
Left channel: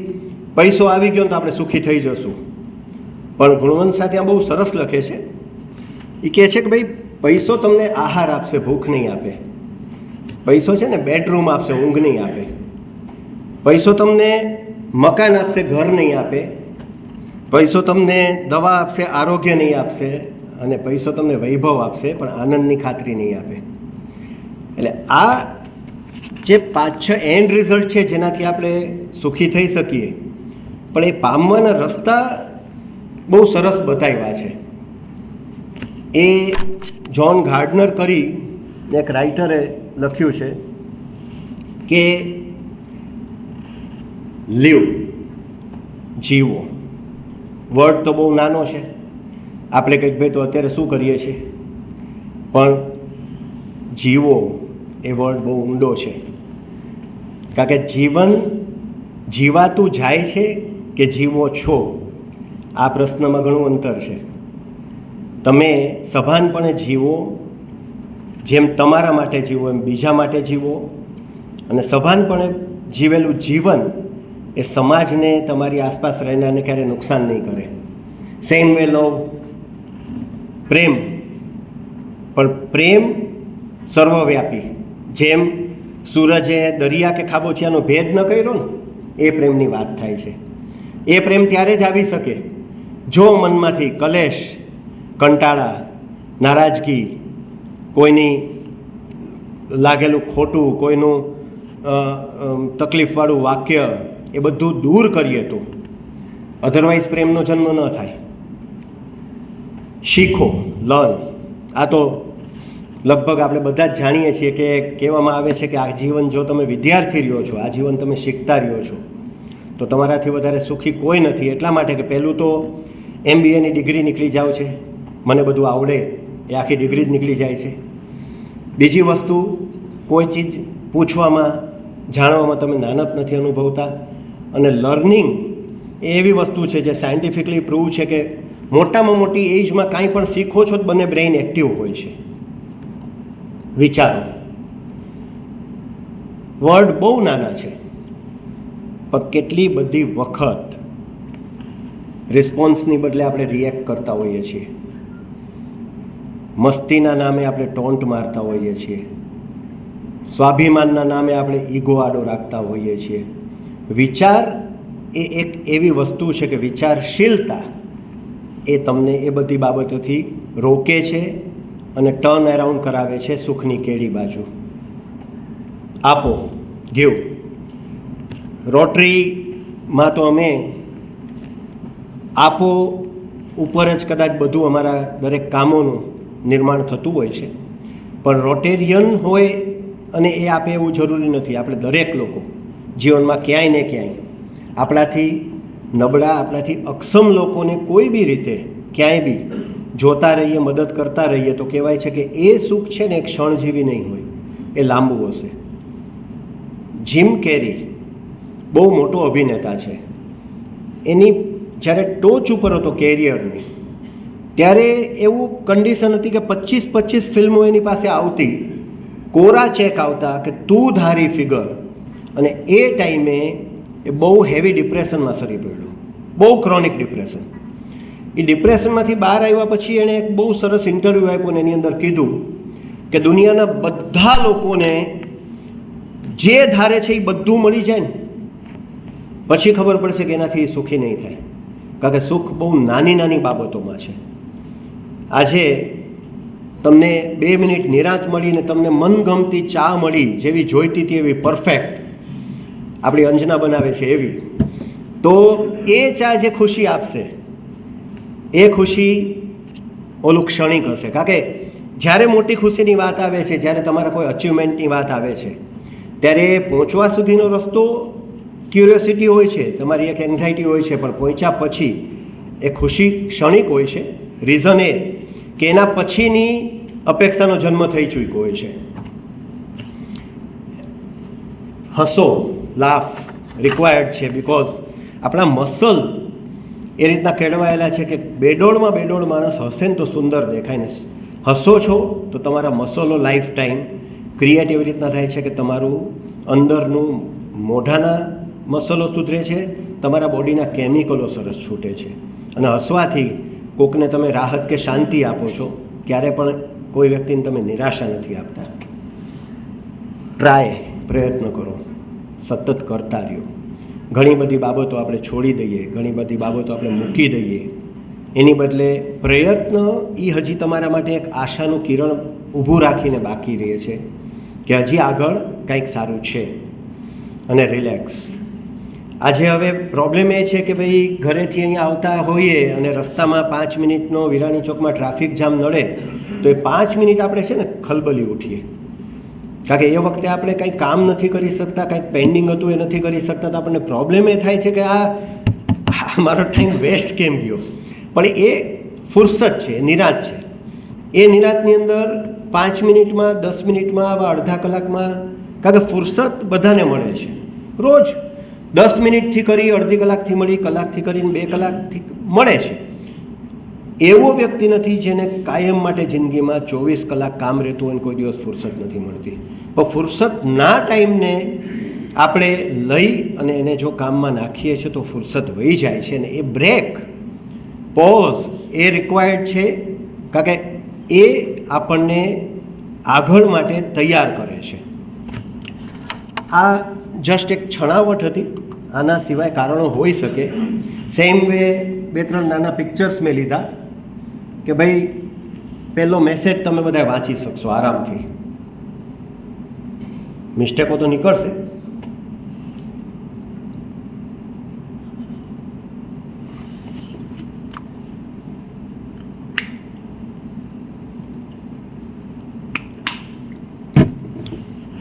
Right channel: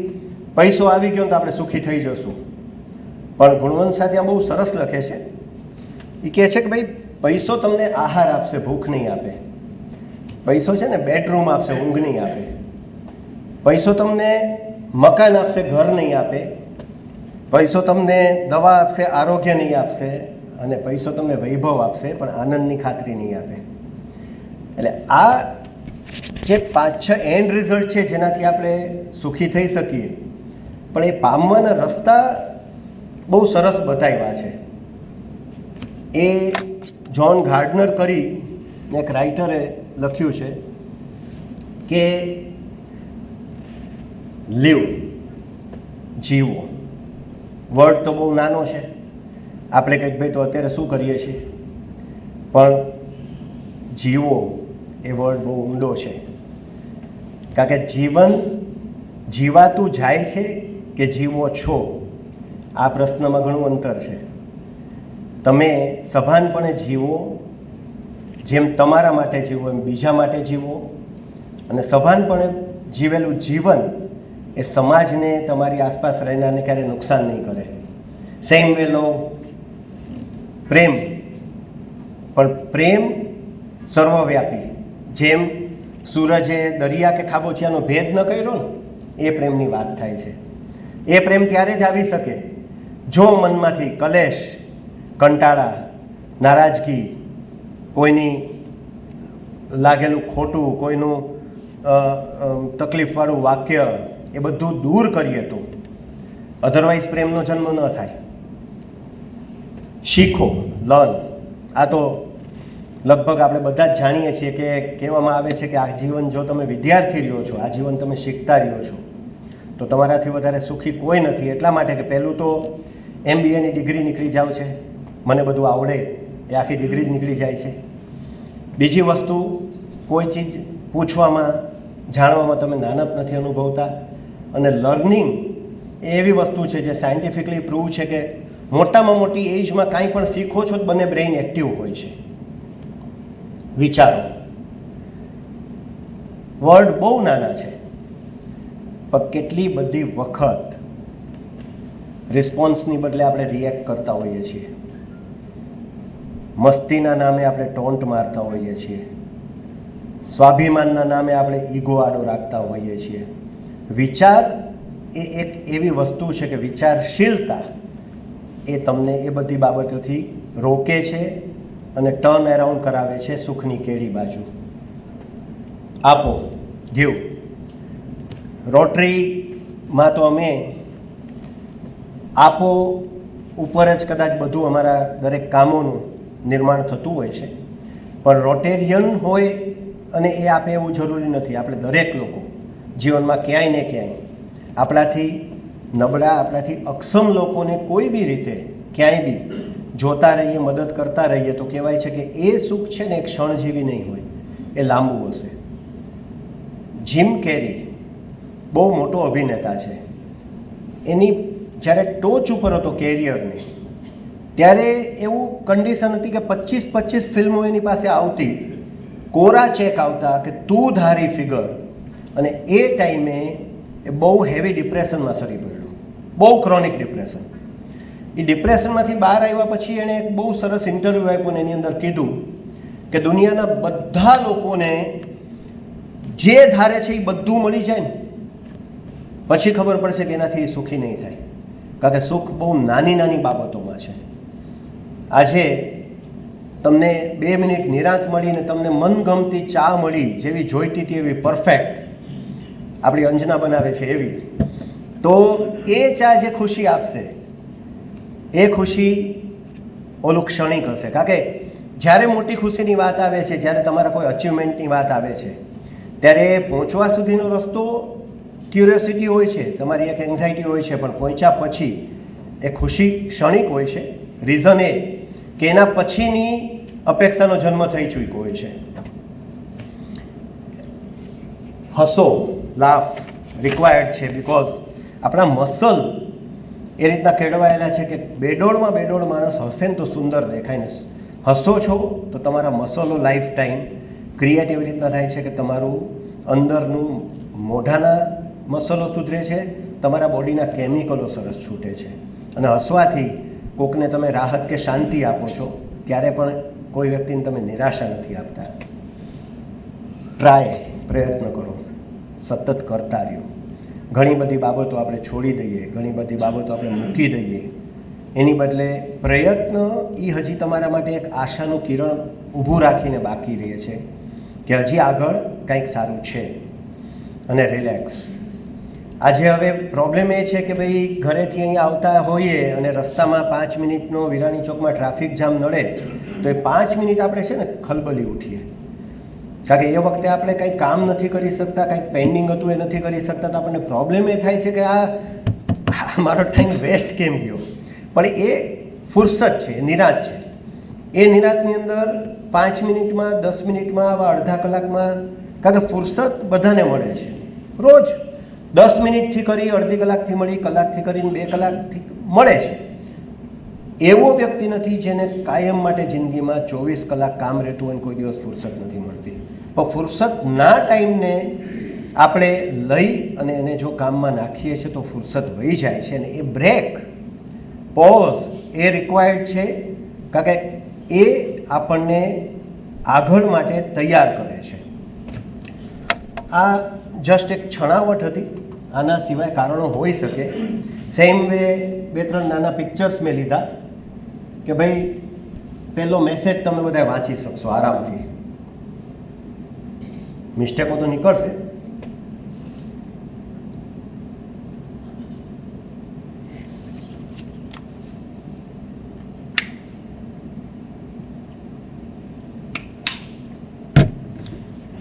પૈસો આવી ગયો તો આપણે સુખી થઈ જશું. પણ ગુણવંત શાહ ત્યાં બહુ સરસ લખે છે. એ કહે છે કે ભાઈ પૈસો તમને આહાર આપશે, ભૂખ નહીં આપે. પૈસો છે ને બેડરૂમ આપશે, ઊંઘ નહીં આપે. પૈસો તમને મકાન આપશે, ઘર નહીં આપે. પૈસો તમને દવા આપશે, આરોગ્ય નહીં આપશે. અને પૈસો તમને વૈભવ આપશે પણ આનંદની ખાતરી નહીં આપે. એટલે આ જે 5-6 એન્ડ રિઝલ્ટ છે જેનાથી આપણે સુખી થઈ શકીએ, પણ એ પામવાના રસ્તા બહુ સરસ બતાવ્યા છે. એ જ્હોન ગાર્ડનર કરી એક રાઇટરે લખ્યું છે કે લીવ, જીવો. વર્ડ તો બહુ નાનો છે, આપણે કંઈક ભાઈ તો અત્યારે શું કરીએ છીએ, પણ જીવો એ વર્ડ બહુ ઊંડો છે. કારણ કે જીવન જીવાતું જાય છે કે જીવો છો, આ પ્રશ્નમાં ઘણું અંતર છે. તમે સભાનપણે જીવો, જેમ તમારા માટે જીવો એમ બીજા માટે જીવો, અને સભાનપણે જીવેલું જીવન એ સમાજને, તમારી આસપાસ રહેનારને ક્યારેય નુકસાન નહીં કરે. સેમ વે લવ, પ્રેમ, પણ પ્રેમ સર્વવ્યાપી. જેમ સૂરજે દરિયા કે ખાબોચિયાનો ભેદ ન કર્યો ને, એ પ્રેમની વાત થાય છે. એ પ્રેમ ત્યારે જ આવી શકે જો મનમાંથી કલેશ, કંટાળા, નારાજગી, કોઈની લાગેલું ખોટું, કોઈનું તકલીફવાળું વાક્ય, એ બધું દૂર કરીએ તો. અધરવાઇઝ પ્રેમનો જન્મ ન થાય. શીખો, લર્ન. આ તો લગભગ આપણે બધા જ જાણીએ છીએ કે કહેવામાં આવે છે કે આજીવન જો તમે વિદ્યાર્થી રહ્યો છો, આજીવન તમે શીખતા રહ્યો છો, તો તમારાથી વધારે સુખી કોઈ નથી. એટલા માટે કે પહેલું તો MBAની ડિગ્રી નીકળી જાવ છે, મને બધું આવડે, એ આખી ડિગ્રી જ નીકળી જાય છે. બીજી વસ્તુ, કોઈ ચીજ પૂછવામાં, જાણવામાં તમે નાનપ નથી અનુભવતા. અને લર્નિંગ એ એવી વસ્તુ છે જે સાયન્ટિફિકલી પ્રૂવ છે કે મોટામાં મોટી એજમાં કાંઈ પણ શીખો છો તો બંને બ્રેઇન એક્ટિવ હોય છે. વિચારો, વર્ડ બહુ નાના છે, પણ કેટલી બધી વખત રિસ્પોન્સની બદલે આપણે રિએક્ટ કરતા હોઈએ છીએ. મસ્તીના નામે આપણે ટોન્ટ મારતા હોઈએ છીએ. સ્વાભિમાનના નામે આપણે ઈગો આડો રાખતા હોઈએ છીએ. વિચાર એ એક એવી વસ્તુ છે કે વિચારશીલતા એ તમને એ બધી બાબતોથી રોકે છે અને ટર્ન એરાઉન્ડ કરાવે છે સુખની કેડી બાજુ. આપો, ગીવ. રોટરીમાં તો અમે આપો ઉપર જ કદાચ બધું અમારા દરેક કામોનું નિર્માણ થતું હોય છે, પણ રોટેરિયન હોય અને એ આપે એવું જરૂરી નથી. આપણે દરેક લોકો જીવનમાં ક્યાંય ને ક્યાંય આપણાથી નબળા, આપણાથી અક્ષમ લોકોને કોઈ બી રીતે ક્યાંય બી જોતા રહીએ, મદદ કરતા રહીએ તો કહેવાય છે કે એ સુખ છે ને એક ક્ષણજીવી નહીં હોય, એ લાંબુ હશે. જીમ કેરી બહુ મોટો અભિનેતા છે. એની જ્યારે ટોચ ઉપર હતો કેરિયરની, ત્યારે એવું કન્ડિશન હતી કે 25 ફિલ્મો એની પાસે આવતી, કોરા ચેક આવતા કે તું ધારી ફિગર. અને એ ટાઈમે એ બહુ હેવી ડિપ્રેશનમાં સરી પડ્યો, બહુ ક્રોનિક ડિપ્રેશન. એ ડિપ્રેશનમાંથી બહાર આવ્યા પછી એણે એક બહુ સરસ ઇન્ટરવ્યૂ આપ્યો અને એની અંદર કીધું કે દુનિયાના બધા લોકોને જે ધારે છે એ બધું મળી જાય ને પછી ખબર પડશે કે એનાથી એ સુખી નહીં થાય. કારણ કે સુખ બહુ નાની નાની બાબતોમાં છે. આજે તમને 2 મિનિટ નિરાંત મળીને તમને મનગમતી ચા મળી, જેવી જોઈતી હતી એવી પરફેક્ટ, આપણી અંજના બનાવે છે એવી. તો એ ચા જે ખુશી આપશે એ ખુશી ઓલું ક્ષણિક હશે. કારણ કે જ્યારે મોટી ખુશીની વાત આવે છે, જ્યારે તમારા કોઈ અચીવમેન્ટની વાત આવે છે, ત્યારે પહોંચવા સુધીનો રસ્તો ક્યુરિયોસિટી હોય છે, તમારી એક એન્ઝાયટી હોય છે, પણ પહોંચ્યા પછી એ ખુશી ક્ષણિક હોય છે. રીઝન એ કે એના પછીની અપેક્ષાનો જન્મ થઈ ચૂક્યો હોય છે. હસો, લાફ રિક્વાયર્ડ છે, બિકોઝ આપણા મસલ એ રીતના કેળવાયેલા છે કે બેડોળમાં માણસ હસે ને તો સુંદર દેખાય ને. હસો છો તો તમારા મસલો લાઈફ ટાઈમ ક્રિએટ એવી રીતના થાય છે કે તમારું અંદરનું મોઢાના મસલો સુધરે છે, તમારા બોડીના કેમિકલો સરસ છૂટે છે. અને હસવાથી કોકને તમે રાહત કે શાંતિ આપો છો, ક્યારે પણ કોઈ વ્યક્તિને તમે નિરાશા નથી આપતા. ટ્રાય, પ્રયત્ન કરો, સતત કરતા રહ્યો. ઘણી બધી બાબતો આપણે છોડી દઈએ, ઘણી બધી બાબતો આપણે મૂકી દઈએ, એની બદલે પ્રયત્ન એ હજી તમારા માટે એક આશાનું કિરણ ઊભું રાખીને બાકી રહે છે કે હજી આગળ કંઈક સારું છે. અને રિલેક્સ. આજે હવે પ્રોબ્લેમ એ છે કે ભાઈ ઘરેથી અહીંયા આવતા હોઈએ અને રસ્તામાં 5 મિનિટનો વિરાણી ચોકમાં ટ્રાફિક જામ નડે તો એ 5 મિનિટ આપણે છે ને ખલબલી ઉઠીએ. કારણ કે એ વખતે આપણે કંઈ કામ નથી કરી શકતા, કંઈક પેન્ડિંગ હતું એ નથી કરી શકતા, તો આપણને પ્રોબ્લેમ એ થાય છે કે આ મારો ટાઈમ વેસ્ટ કેમ ગયો. પણ એ ફુરસત છે, નિરાંત છે. એ નિરાંતની અંદર 5 મિનિટમાં, 10 મિનિટમાં, આવા અડધા કલાકમાં, કારણ કે ફુરસત બધાને મળે છે. રોજ 10 મિનિટથી કરી, અડધી કલાકથી મળી, કલાકથી કરીને 2 કલાકથી મળે છે. એવો વ્યક્તિ નથી જેને કાયમ માટે જિંદગીમાં 24 કલાક કામ રહેતું હોય, કોઈ દિવસ ફુરસત નથી મળતી. પણ ફુરસતના ટાઈમને આપણે લઈ અને એને જો કામમાં નાખીએ છીએ તો ફુરસત વહી જાય છે. અને એ બ્રેક, પોઝ એ રિક્વાયર્ડ છે, કારણ કે એ આપણને આગળ માટે તૈયાર કરે છે. આ જસ્ટ એક છણાવટ હતી, આના સિવાય કારણો હોઈ શકે. સેમ વે 2-3 નાના પિક્ચર્સ મેં લીધા કે ભાઈ પહેલો મેસેજ તમે બધા વાંચી શકશો આરામથી. મિસ્ટેકો તો નીકળશે,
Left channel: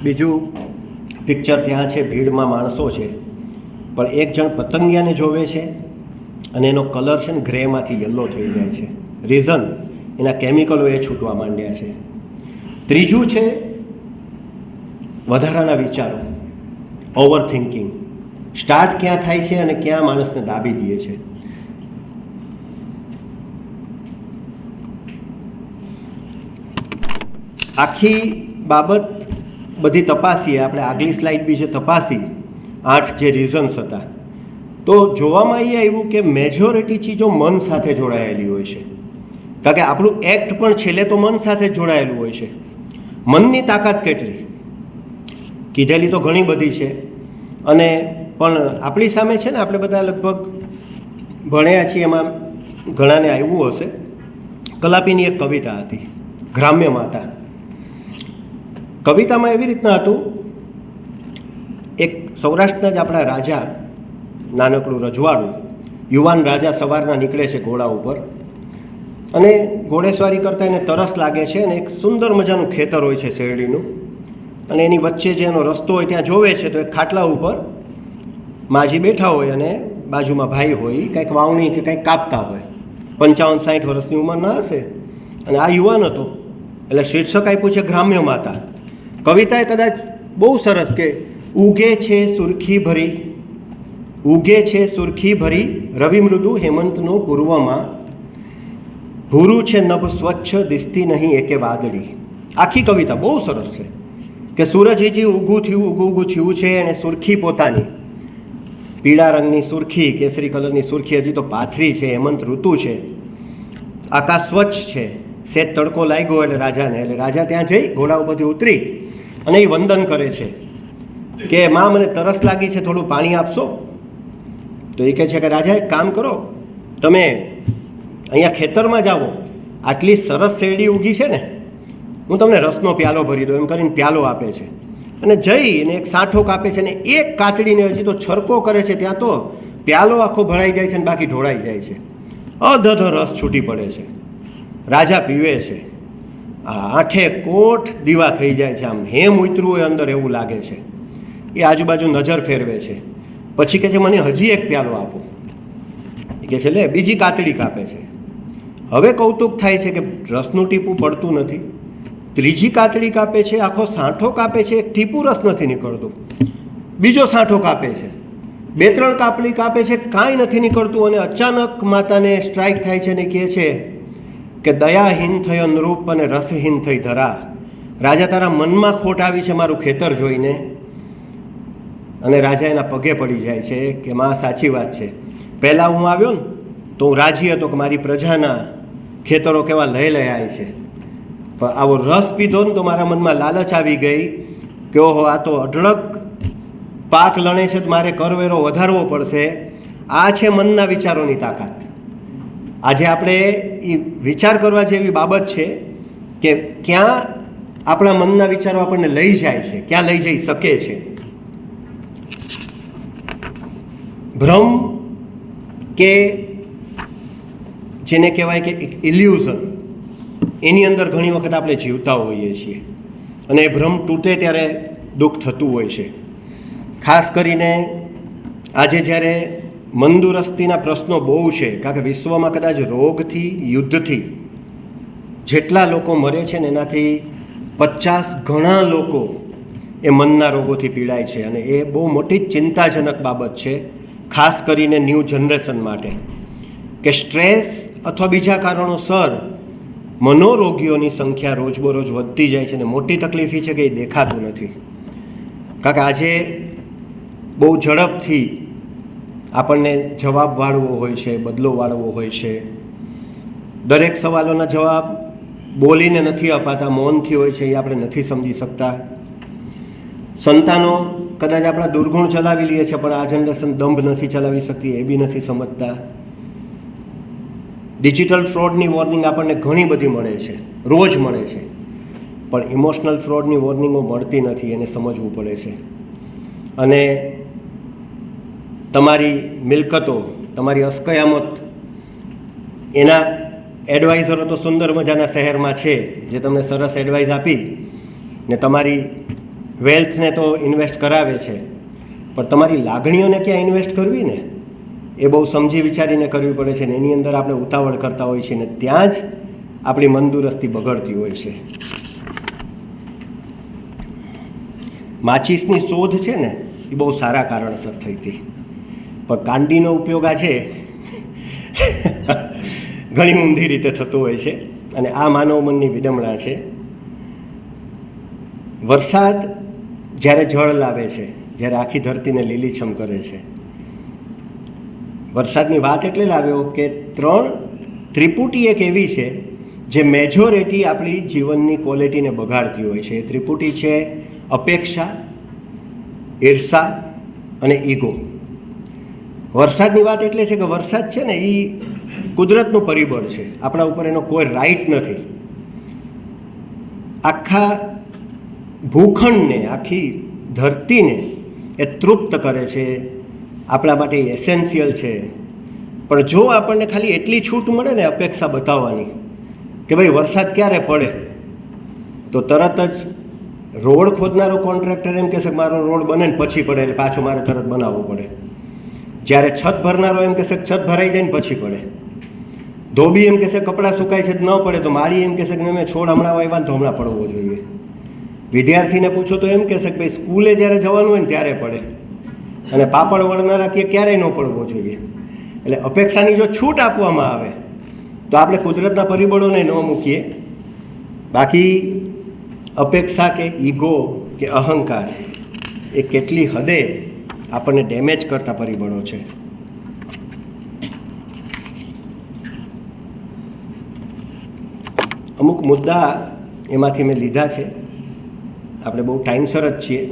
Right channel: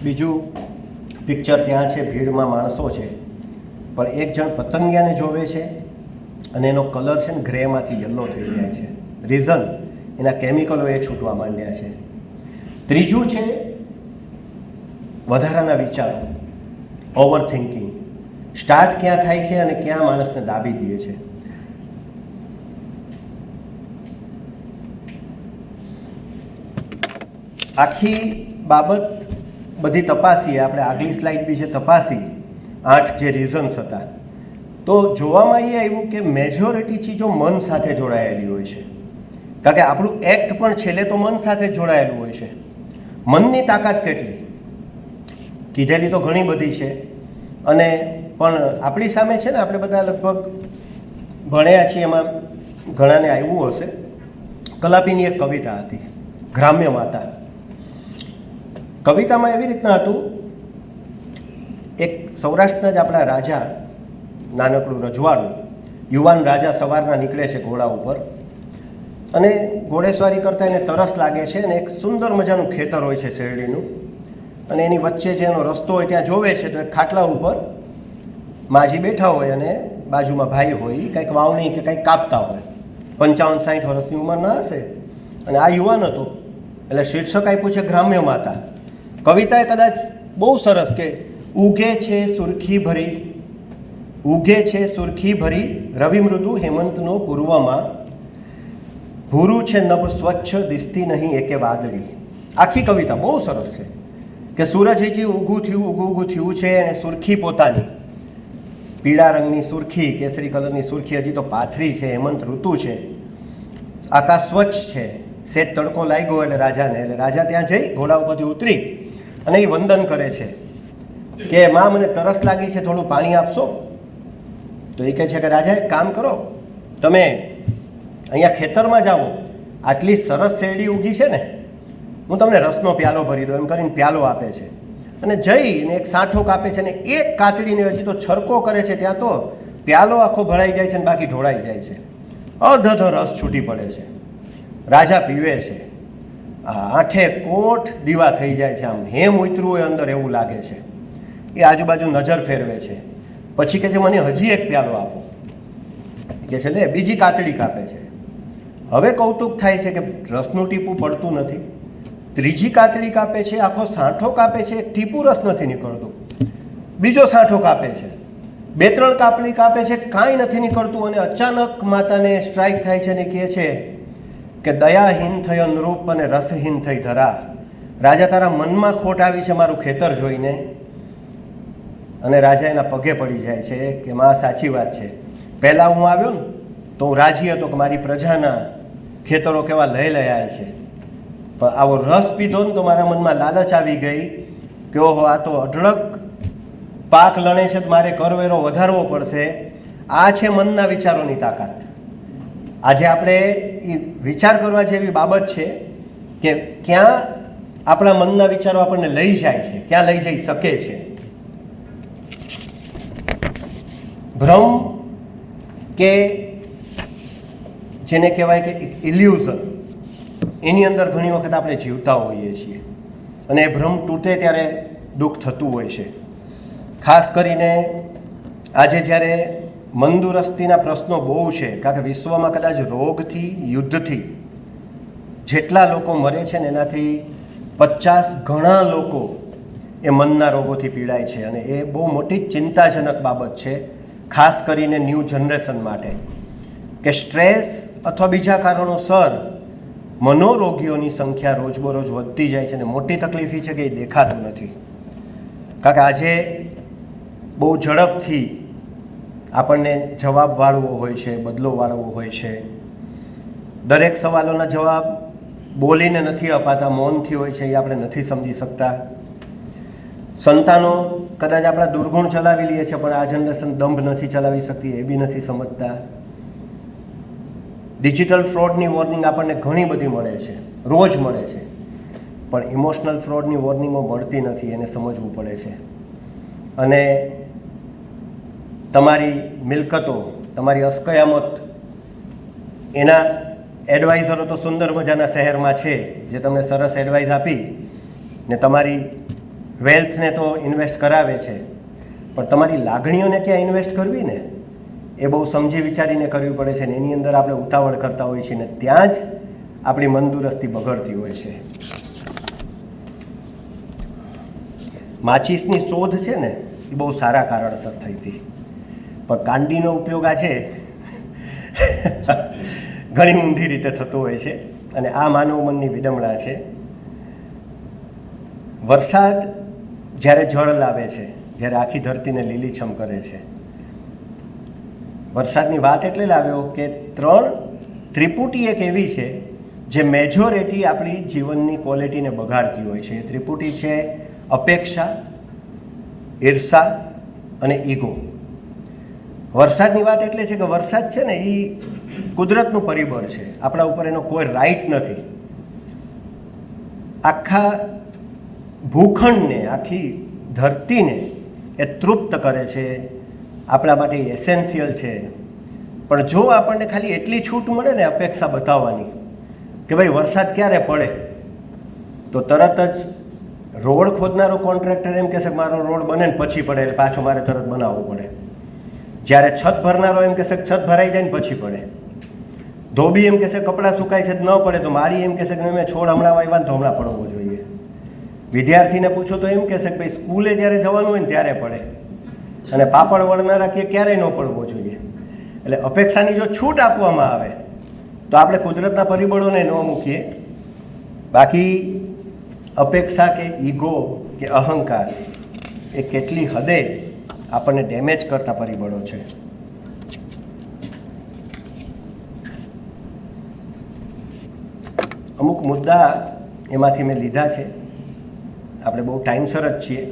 બીજું પિક્ચર ત્યાં છે, ભીડમાં માણસો છે, પણ એક જણ પતંગિયાને જોવે છે અને એનો કલર છે ને ગ્રેમાંથી યલો થઈ જાય છે. રીઝન એના કેમિકલો એ છૂટવા માંડ્યા છે. ત્રીજું છે વધારાના વિચારો, ઓવર થિંકિંગ. સ્ટાર્ટ ક્યાં થાય છે અને ક્યાં માણસને દાબી દે છે. આખી બાબત બધી તપાસીએ આપણે, આગલી સ્લાઇડ બી જે તપાસી, 8 જે રીઝન્સ હતા, તો જોવામાં એ આવ્યું કે મેજોરિટી ચીજો મન સાથે જોડાયેલી હોય છે. કારણ કે આપણું એક્ટ પણ છેલ્લે તો મન સાથે જ જોડાયેલું હોય છે. મનની તાકાત કેટલી કીધેલી તો ઘણી બધી છે, અને પણ આપણી સામે છે ને, આપણે બધા લગભગ ભણ્યા છીએ, એમાં ઘણાને આવ્યું હશે. કલાપીની એક કવિતા હતી, ગ્રામ્ય માતા. કવિતામાં એવી રીતના હતું, એક સૌરાષ્ટ્રના જ આપણા રાજા, નાનકડું રજવાડું, યુવાન રાજા સવારના નીકળે છે ઘોડા ઉપર, અને ઘોડેસવારી કરતાં એને તરસ લાગે છે, અને એક સુંદર મજાનું ખેતર હોય છે શેરડીનું, અને એની વચ્ચે જે એનો રસ્તો હોય ત્યાં જોવે છે તો એક ખાટલા ઉપર માજી બેઠા હોય અને બાજુમાં ભાઈ હોય, કંઈક વાવણી કે કંઈક કાપતા હોય. 55-60 વર્ષની ઉંમરના હશે, અને આ યુવાન હતો. એટલે શીર્ષક આપ્યું છે ગ્રામ્ય માતા. કવિતાએ કદાચ બહુ સરસ કે ઉગે છે સુરખી ભરી, ઉગે છે સુરખી ભરી, રવિ મૃદુ હેમંતનો પૂર્વમાં, ભૂરું છે નભ સ્વચ્છ, દિસતી નહીં એકે વાદળી. આખી કવિતા બહુ સરસ છે કે સૂરજ હજી ઊગું થયું છે, અને સુરખી પોતાની પીળા રંગની સુરખી, કેસરી કલરની સુરખી હજી તો પાથરી છે, હેમંત ઋતુ છે, આકાશ સ્વચ્છ છે, સેજ તડકો લાગ્યો એટલે રાજાને, એટલે રાજા ત્યાં જઈ ઘોડા ઉપરથી ઉતરી અને એ વંદન કરે છે કે માં મને તરસ લાગી છે, થોડું પાણી આપશો? તો એ કહે છે કે રાજા એક કામ કરો, તમે અહીંયા ખેતરમાં જાઓ, આટલી સરસ શેરડી ઉગી છે ને, હું તમને રસનો પ્યાલો ભરી દઉં, એમ કરીને પ્યાલો આપે છે. અને જઈને એક સાંઠો કાપે છે, અને એક કાતડીને હજી તો છરકો કરે છે, ત્યાં તો પ્યાલો આખો ભરાઈ જાય છે અને બાકી ઢોળાઈ જાય છે. અધધો રસ છૂટી પડે છે. રાજા પીવે છે. આ આઠે કોટ દીવા થઈ જાય છે, આમ હેમ ઉતરવું હોય અંદર એવું લાગે છે. એ આજુબાજુ નજર ફેરવે છે, પછી કહે છે મને હજી એક પ્યાલો આપો. એ કહે છે લે, બીજી કાતડી કાપે છે. હવે કૌતુક થાય છે કે રસનું ટીપું પડતું નથી. ત્રીજી કાતડી કાપે છે, આખો સાંઠો કાપે છે, એક ટીપું રસ નથી નીકળતું. બીજો સાંઠો કાપે છે, 2-3 કાપડી કાપે છે, કાંઈ નથી નીકળતું. અને અચાનક માતાને સ્ટ્રાઇક થાય છે અને કહે છે કે દયાહીન થયો નૃપ અને રસહીન થઈ ધરા. રાજા તારા મનમાં ખોટ આવી છે મારું ખેતર જોઈને. અને રાજા એના પગે પડી જાય છે કે માં સાચી વાત છે, પહેલાં હું આવ્યો ને તો હું રાજી હતો કે મારી પ્રજાના ખેતરો કેવા લઈ લયાય છે, પણ આવો રસ પીધો ને તો મારા મનમાં લાલચ આવી ગઈ કે ઓહો આ તો અઢળક પાક લણે છે, મારે કરવેરો વધારવો પડશે. આ છે મનના વિચારોની તાકાત. આજે આપણે એ વિચાર કરવા જેવી બાબત છે કે ક્યાં આપણા મનના વિચારો આપણને લઈ જાય છે, ક્યાં લઈ જઈ શકે છે. ભ્રમ કે જેને કહેવાય કે એક ઇલ્યુઝન, એની અંદર ઘણી વખત આપણે જીવતા હોઈએ છીએ અને એ ભ્રમ તૂટે ત્યારે દુઃખ થતું હોય છે. ખાસ કરીને આજે જ્યારે મંદુરસ્તીના પ્રશ્નો બહુ છે, કારણ કે વિશ્વમાં કદાચ રોગથી યુદ્ધથી જેટલા લોકો મરે છે ને એનાથી 50 ગણા લોકો એ મનના રોગોથી પીડાય છે. અને એ બહુ મોટી ચિંતાજનક બાબત છે, ખાસ કરીને ન્યૂ જનરેશન માટે, કે સ્ટ્રેસ અથવા બીજા કારણોસર મનોરોગીઓની સંખ્યા રોજબરોજ વધતી જાય છે. અને મોટી તકલીફ એ છે કે એ દેખાતું નથી. કારણ કે આજે બહુ ઝડપથી આપણને જવાબ વાળવો હોય છે, બદલો વાળવો હોય છે. દરેક સવાલોના જવાબ બોલીને નથી અપાતા, મૌનથી હોય છે, એ આપણે નથી સમજી શકતા. સંતાનો કદાચ આપણા દુર્ગુણ ચલાવી લઈએ છીએ, પણ આ જનરેશન દંભ નથી ચલાવી શકતી, એ બી નથી સમજતા. ડિજિટલ ફ્રોડની વોર્નિંગ આપણને ઘણી બધી મળે છે, રોજ મળે છે, પણ ઇમોશનલ ફ્રોડની વોર્નિંગો મળતી નથી, એને સમજવું પડે છે. અને તમારી મિલકતો, તમારી અસ્કયામત, એના એડવાઇઝરો તો સુંદર મજાના શહેરમાં છે જે તમને સરસ એડવાઇસ આપી ને તમારી વેલ્થને તો ઇન્વેસ્ટ કરાવે છે, પણ તમારી લાગણીઓને ક્યાં ઇન્વેસ્ટ કરવી ને એ બહુ સમજી વિચારીને કરવી પડે છે. ને એની અંદર આપણે ઉતાવળ કરતા હોઈએ છીએ ને ત્યાં જ આપણી મંદુરસ્તી બગડતી હોય છે. માચીસની શોધ છે ને એ બહુ સારા કારણસર થઈ હતી, પણ કાંડીનો ઉપયોગ આજે ઘણી ઊંધી રીતે થતો હોય છે. અને આ માનવ મનની વિડંબણા છે. વરસાદ જ્યારે જળ લાવે છે, જ્યારે આખી ધરતીને લીલીછમ કરે છે, વરસાદની વાત એટલે લાવ્યો કે 3 ત્રિપુટી એક એવી છે જે મેજોરિટી આપણી જીવનની ક્વોલિટીને બગાડતી હોય છે. એ ત્રિપુટી છે અપેક્ષા, ઈર્ષા અને ઈગો. વરસાદની વાત એટલે છે કે વરસાદ છે ને એ કુદરતનું પરિબળ છે, આપણા ઉપર એનો કોઈ રાઈટ નથી. આખા ભૂખંડને, આખી ધરતીને એ તૃપ્ત કરે છે, આપણા માટે એસેન્શિયલ છે. પણ જો આપણને ખાલી એટલી છૂટ મળે ને અપેક્ષા બતાવવાની કે ભાઈ વરસાદ ક્યારે પડે, તો તરત જ રોડ ખોદનારો કોન્ટ્રાક્ટર એમ કહેશે કે મારો રોડ બને ને પછી પડે, એટલે પાછો મારે તરત બનાવવો પડે. જ્યારે છત ભરનારો એમ કહેશે કે છત ભરાઈ જાય ને પછી પડે. ધોબી એમ કહેશે કપડાં સુકાય છે ન પડે, તો માળી એમ કહેશે કે મેં છોડ હમણાં વાવ્યા ને તો હમણાં પડવો જોઈએ. વિદ્યાર્થીને પૂછો તો એમ કહેશે કે ભાઈ સ્કૂલે જ્યારે જવાનું હોય ને ત્યારે પડે, અને પાપડ વળનારા કે ક્યારેય ન પડવો જોઈએ. એટલે અપેક્ષાની જો છૂટ આપવામાં આવે તો આપણે કુદરતના પરિબળોને ન મૂકીએ. બાકી અપેક્ષા કે ઈગો કે અહંકાર એ કેટલી હદે આપણને ડેમેજ કરતા પરિબળો છે. અમુક મુદ્દા એમાંથી મેં લીધા છે, આપણે બહુ ટાઈમસર જ છીએ.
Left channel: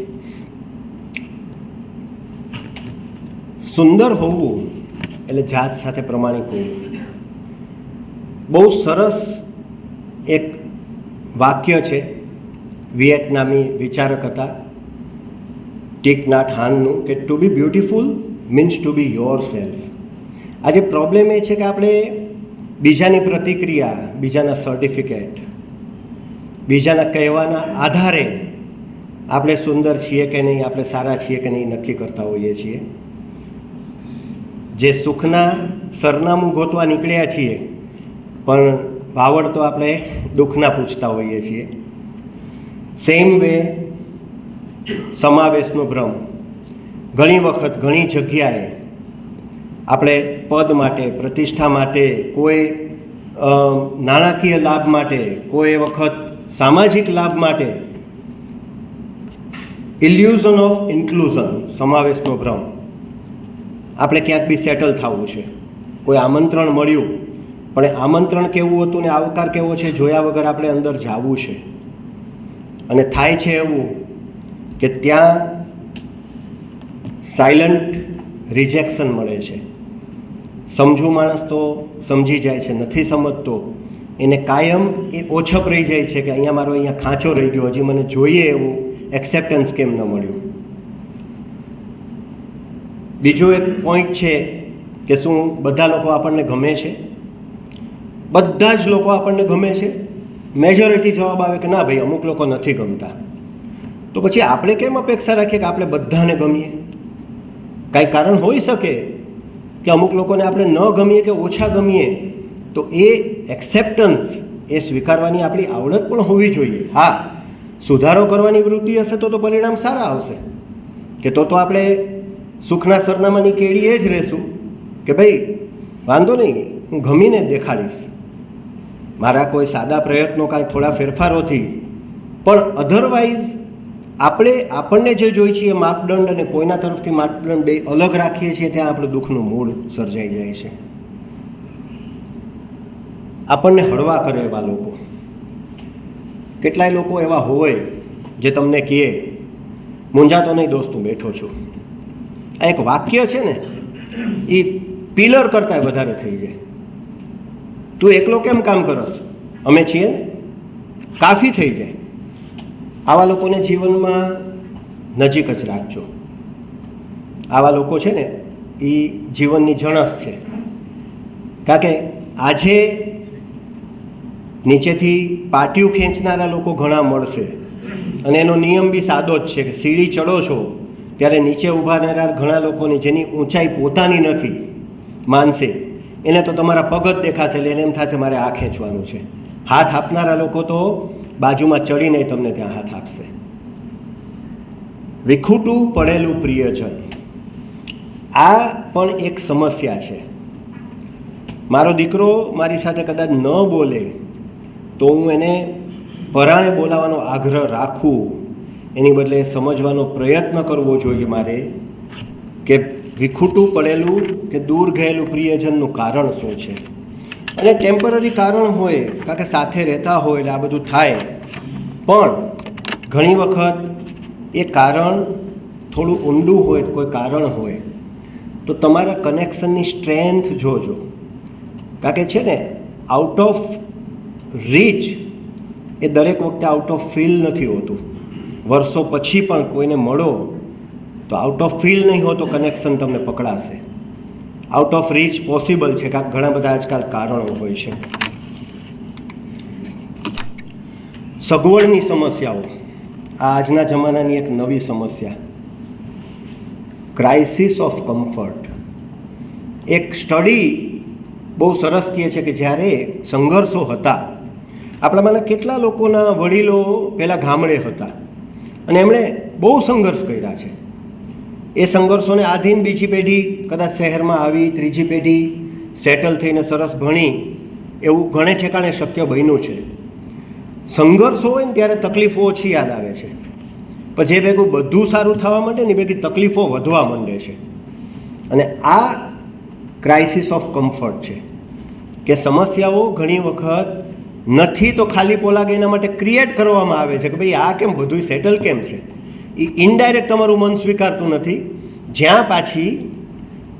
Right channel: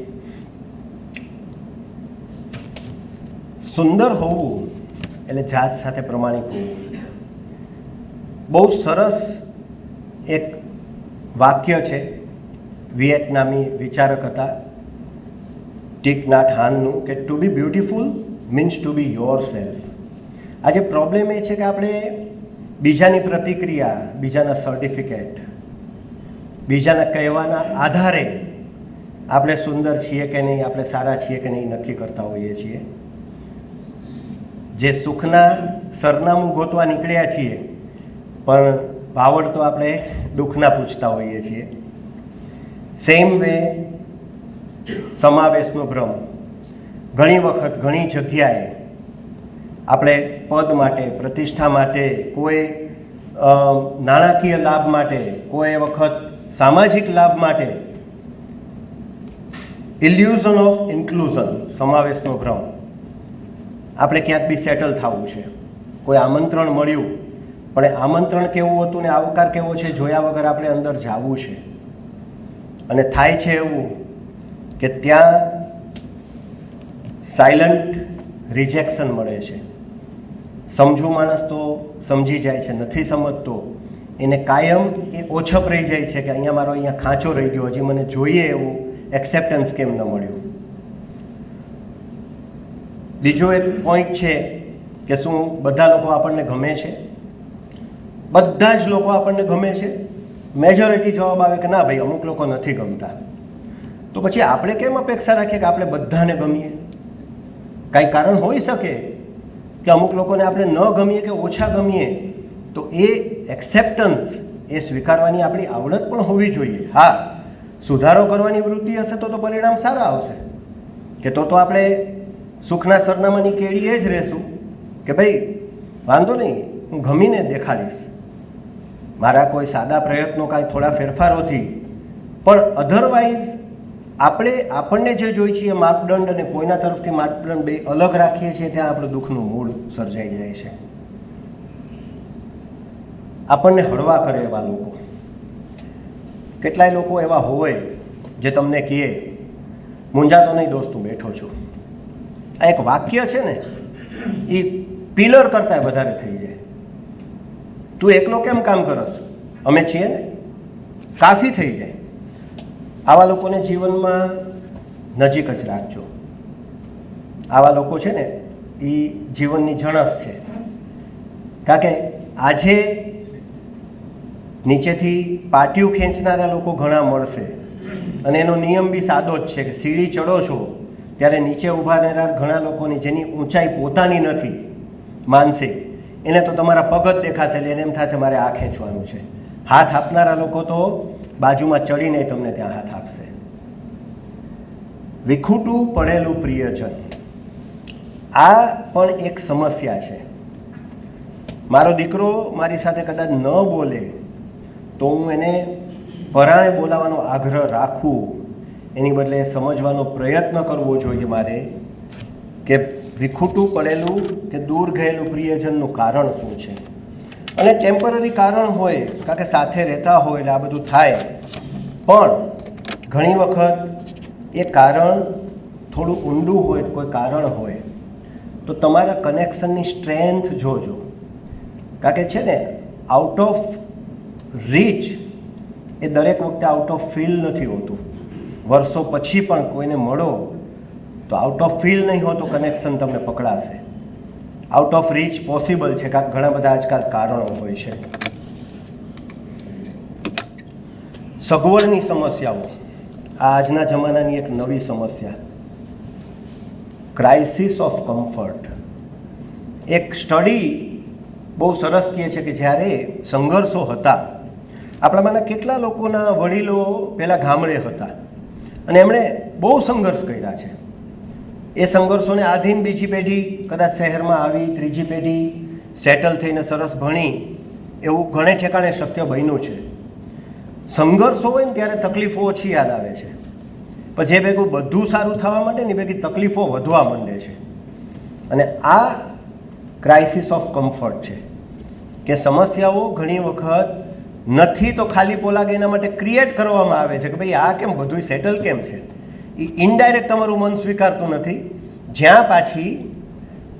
સુંદર હોવું એટલે જાત સાથે પ્રમાણિક હોવું. બહુ સરસ એક વાક્ય છે, વિયેટનામી વિચારક હતા ટીક નાટ હાનનું કે to be beautiful means to be yourself. આજે પ્રોબ્લેમ એ છે કે આપણે બીજાની પ્રતિક્રિયા, બીજાના સર્ટિફિકેટ, બીજાના કહેવાના આધારે આપણે સુંદર છીએ કે નહીં, આપણે સારા છીએ કે નહીં નક્કી કરતા હોઈએ છીએ. જે સુખના સરનામું ગોતવા નીકળ્યા છીએ પણ વાવડ તો આપણે દુઃખના પૂછતા હોઈએ છીએ. સેમ વે સમાવેશનો ભ્રમ. ઘણી વખત ઘણી જગ્યાએ આપણે પદ માટે, પ્રતિષ્ઠા માટે, કોઈ નાણાકીય લાભ માટે, કોઈ વખત સામાજિક લાભ માટે ઇલ્યુઝન ઓફ ઇન્ક્લુઝન, સમાવેશનો ભ્રમ. આપણે ક્યાંક બી સેટલ થવું છે, કોઈ આમંત્રણ મળ્યું પણ એ આમંત્રણ કેવું હતું ને આવકાર કેવો છે જોયા વગર આપણે અંદર જવું છે. અને થાય છે એવું કે ત્યાં સાયલન્ટ રિજેક્શન મળે છે. સમજુ માણસ તો સમજી જાય છે, નથી સમજતો એને કાયમ એ ઓછપ રહી જાય છે કે અહીંયા મારો અહીંયા ખાંચો રહી ગયો, હજી મને જોઈએ એવું એક્સેપ્ટન્સ કેમ ન મળ્યું. બીજો એક પોઈન્ટ છે કે શું બધા લોકો આપણને ગમે છે? બધા જ લોકો આપણને ગમે છે? મેજોરિટી જવાબ આવે કે ના ભાઈ, અમુક લોકો નથી ગમતા. તો પછી આપણે કેમ અપેક્ષા રાખીએ કે આપણે બધાને ગમીએ? કાંઈ કારણ હોઈ શકે કે અમુક લોકોને આપણે ન ગમીએ કે ઓછા ગમીએ, તો એ એક્સેપ્ટન્સ, એ સ્વીકારવાની આપણી આવડત પણ હોવી જોઈએ. હા, સુધારો કરવાની વૃત્તિ હશે તો પરિણામ સારા આવશે. કે તો આપણે સુખના સરનામાની કેળીએ જ રહેશું કે ભાઈ વાંધો નહીં, હું ગમીને દેખાડીશ મારા કોઈ સાદા પ્રયત્નો, કાંઈ થોડા ફેરફારોથી. પણ અધરવાઇઝ આપણને જે જોઈએ છીએ માપદંડ અને કોઈના તરફથી માપદંડ બે અલગ રાખીએ છીએ, ત્યાં આપણું દુઃખનું મૂળ સર્જાઈ જાય છે. આપણને હળવા કરે એવા લોકો. કેટલાય લોકો એવા હોય જે તમને કહે મૂંઝાતો નહીં દોસ્ત, હું બેઠો છું. આ એક વાક્ય છે ને, એ પિલર કરતાં વધારે થઈ જાય. તું એકલો કેમ કામ કરસ, અમે છીએ ને, કાફી થઈ જાય. આવા લોકોને જીવનમાં નજીક જ રાખજો. આવા લોકો છે ને એ જીવનની જણસ છે. કારણ કે આજે નીચેથી પાટિયું ખેંચનારા લોકો ઘણા મળશે અને એનો નિયમ બી સાદો જ છે કે સીડી ચડો છો ત્યારે નીચે ઊભા રહેનાર ઘણા લોકોની જેની ઊંચાઈ પોતાની નથી માનસિક, એને તો તમારા પગ જ દેખાશે એટલે એને એમ થશે મારે આ ખેંચવાનું છે. હાથ આપનારા લોકો તો બાજુમાં ચડીને તમને ત્યાં હાથ આપશે. વિખૂટું પડેલું પ્રિયજન, આ પણ એક સમસ્યા છે. મારો દીકરો મારી સાથે કદાચ ન બોલે તો હું એને પરાણે બોલાવવાનો આગ્રહ રાખું, એની બદલે સમજવાનો પ્રયત્ન કરવો જોઈએ મારે કે વિખૂટું પડેલું કે દૂર ગયેલું પ્રિયજનનું કારણ શું છે. અને ટેમ્પરરી કારણ હોય, કારણ કે સાથે રહેતા હોય એટલે આ બધું થાય. પણ ઘણી વખત એ કારણ થોડું ઊંડું હોય, કોઈ કારણ હોય તો તમારા કનેક્શનની સ્ટ્રેન્થ જોજો. કારણ કે છે ને, આઉટ ઓફ રીચ એ દરેક વખતે આઉટ ઓફ ફીલ નથી હોતું. વર્ષો પછી પણ કોઈને મળો તો આઉટ ઓફ ફીલ નહીં હોતો, કનેક્શન તમને પકડાશે. આઉટ ઓફ રીચ પોસિબલ છે, કારણ ઘણા બધા આજકાલ કારણો હોય છે. સગવડની સમસ્યાઓ આજના જમાનાની એક નવી સમસ્યા, ક્રાઇસિસ ઓફ કમ્ફર્ટ. એક સ્ટડી બહુ સરસ કહે છે કે જ્યારે સંઘર્ષો હતા, આપણામાંના કેટલા લોકોના વડીલો પહેલાં ગામડે હતા અને એમણે બહુ સંઘર્ષ કર્યા છે. એ સંઘર્ષોને આધીન બીજી પેઢી કદાચ શહેરમાં આવી, ત્રીજી પેઢી સેટલ થઈને સરસ ભણી, એવું ઘણે ઠેકાણે શક્ય બન્યું છે. સંઘર્ષો હોય ને ત્યારે તકલીફો ઓછી યાદ આવે છે, પણ જે ભેગું બધું સારું થવા માંડે ને ભેગી તકલીફો વધવા માંડે છે. અને આ ક્રાઇસિસ ઓફ કમ્ફર્ટ છે કે સમસ્યાઓ ઘણી વખત નથી તો ખાલી પોલાગે એના માટે ક્રિએટ કરવામાં આવે છે કે ભાઈ આ કેમ બધું સેટલ કેમ છે. એ ઇનડાયરેક્ટ તમારું મન સ્વીકારતું નથી, જ્યાં પાછી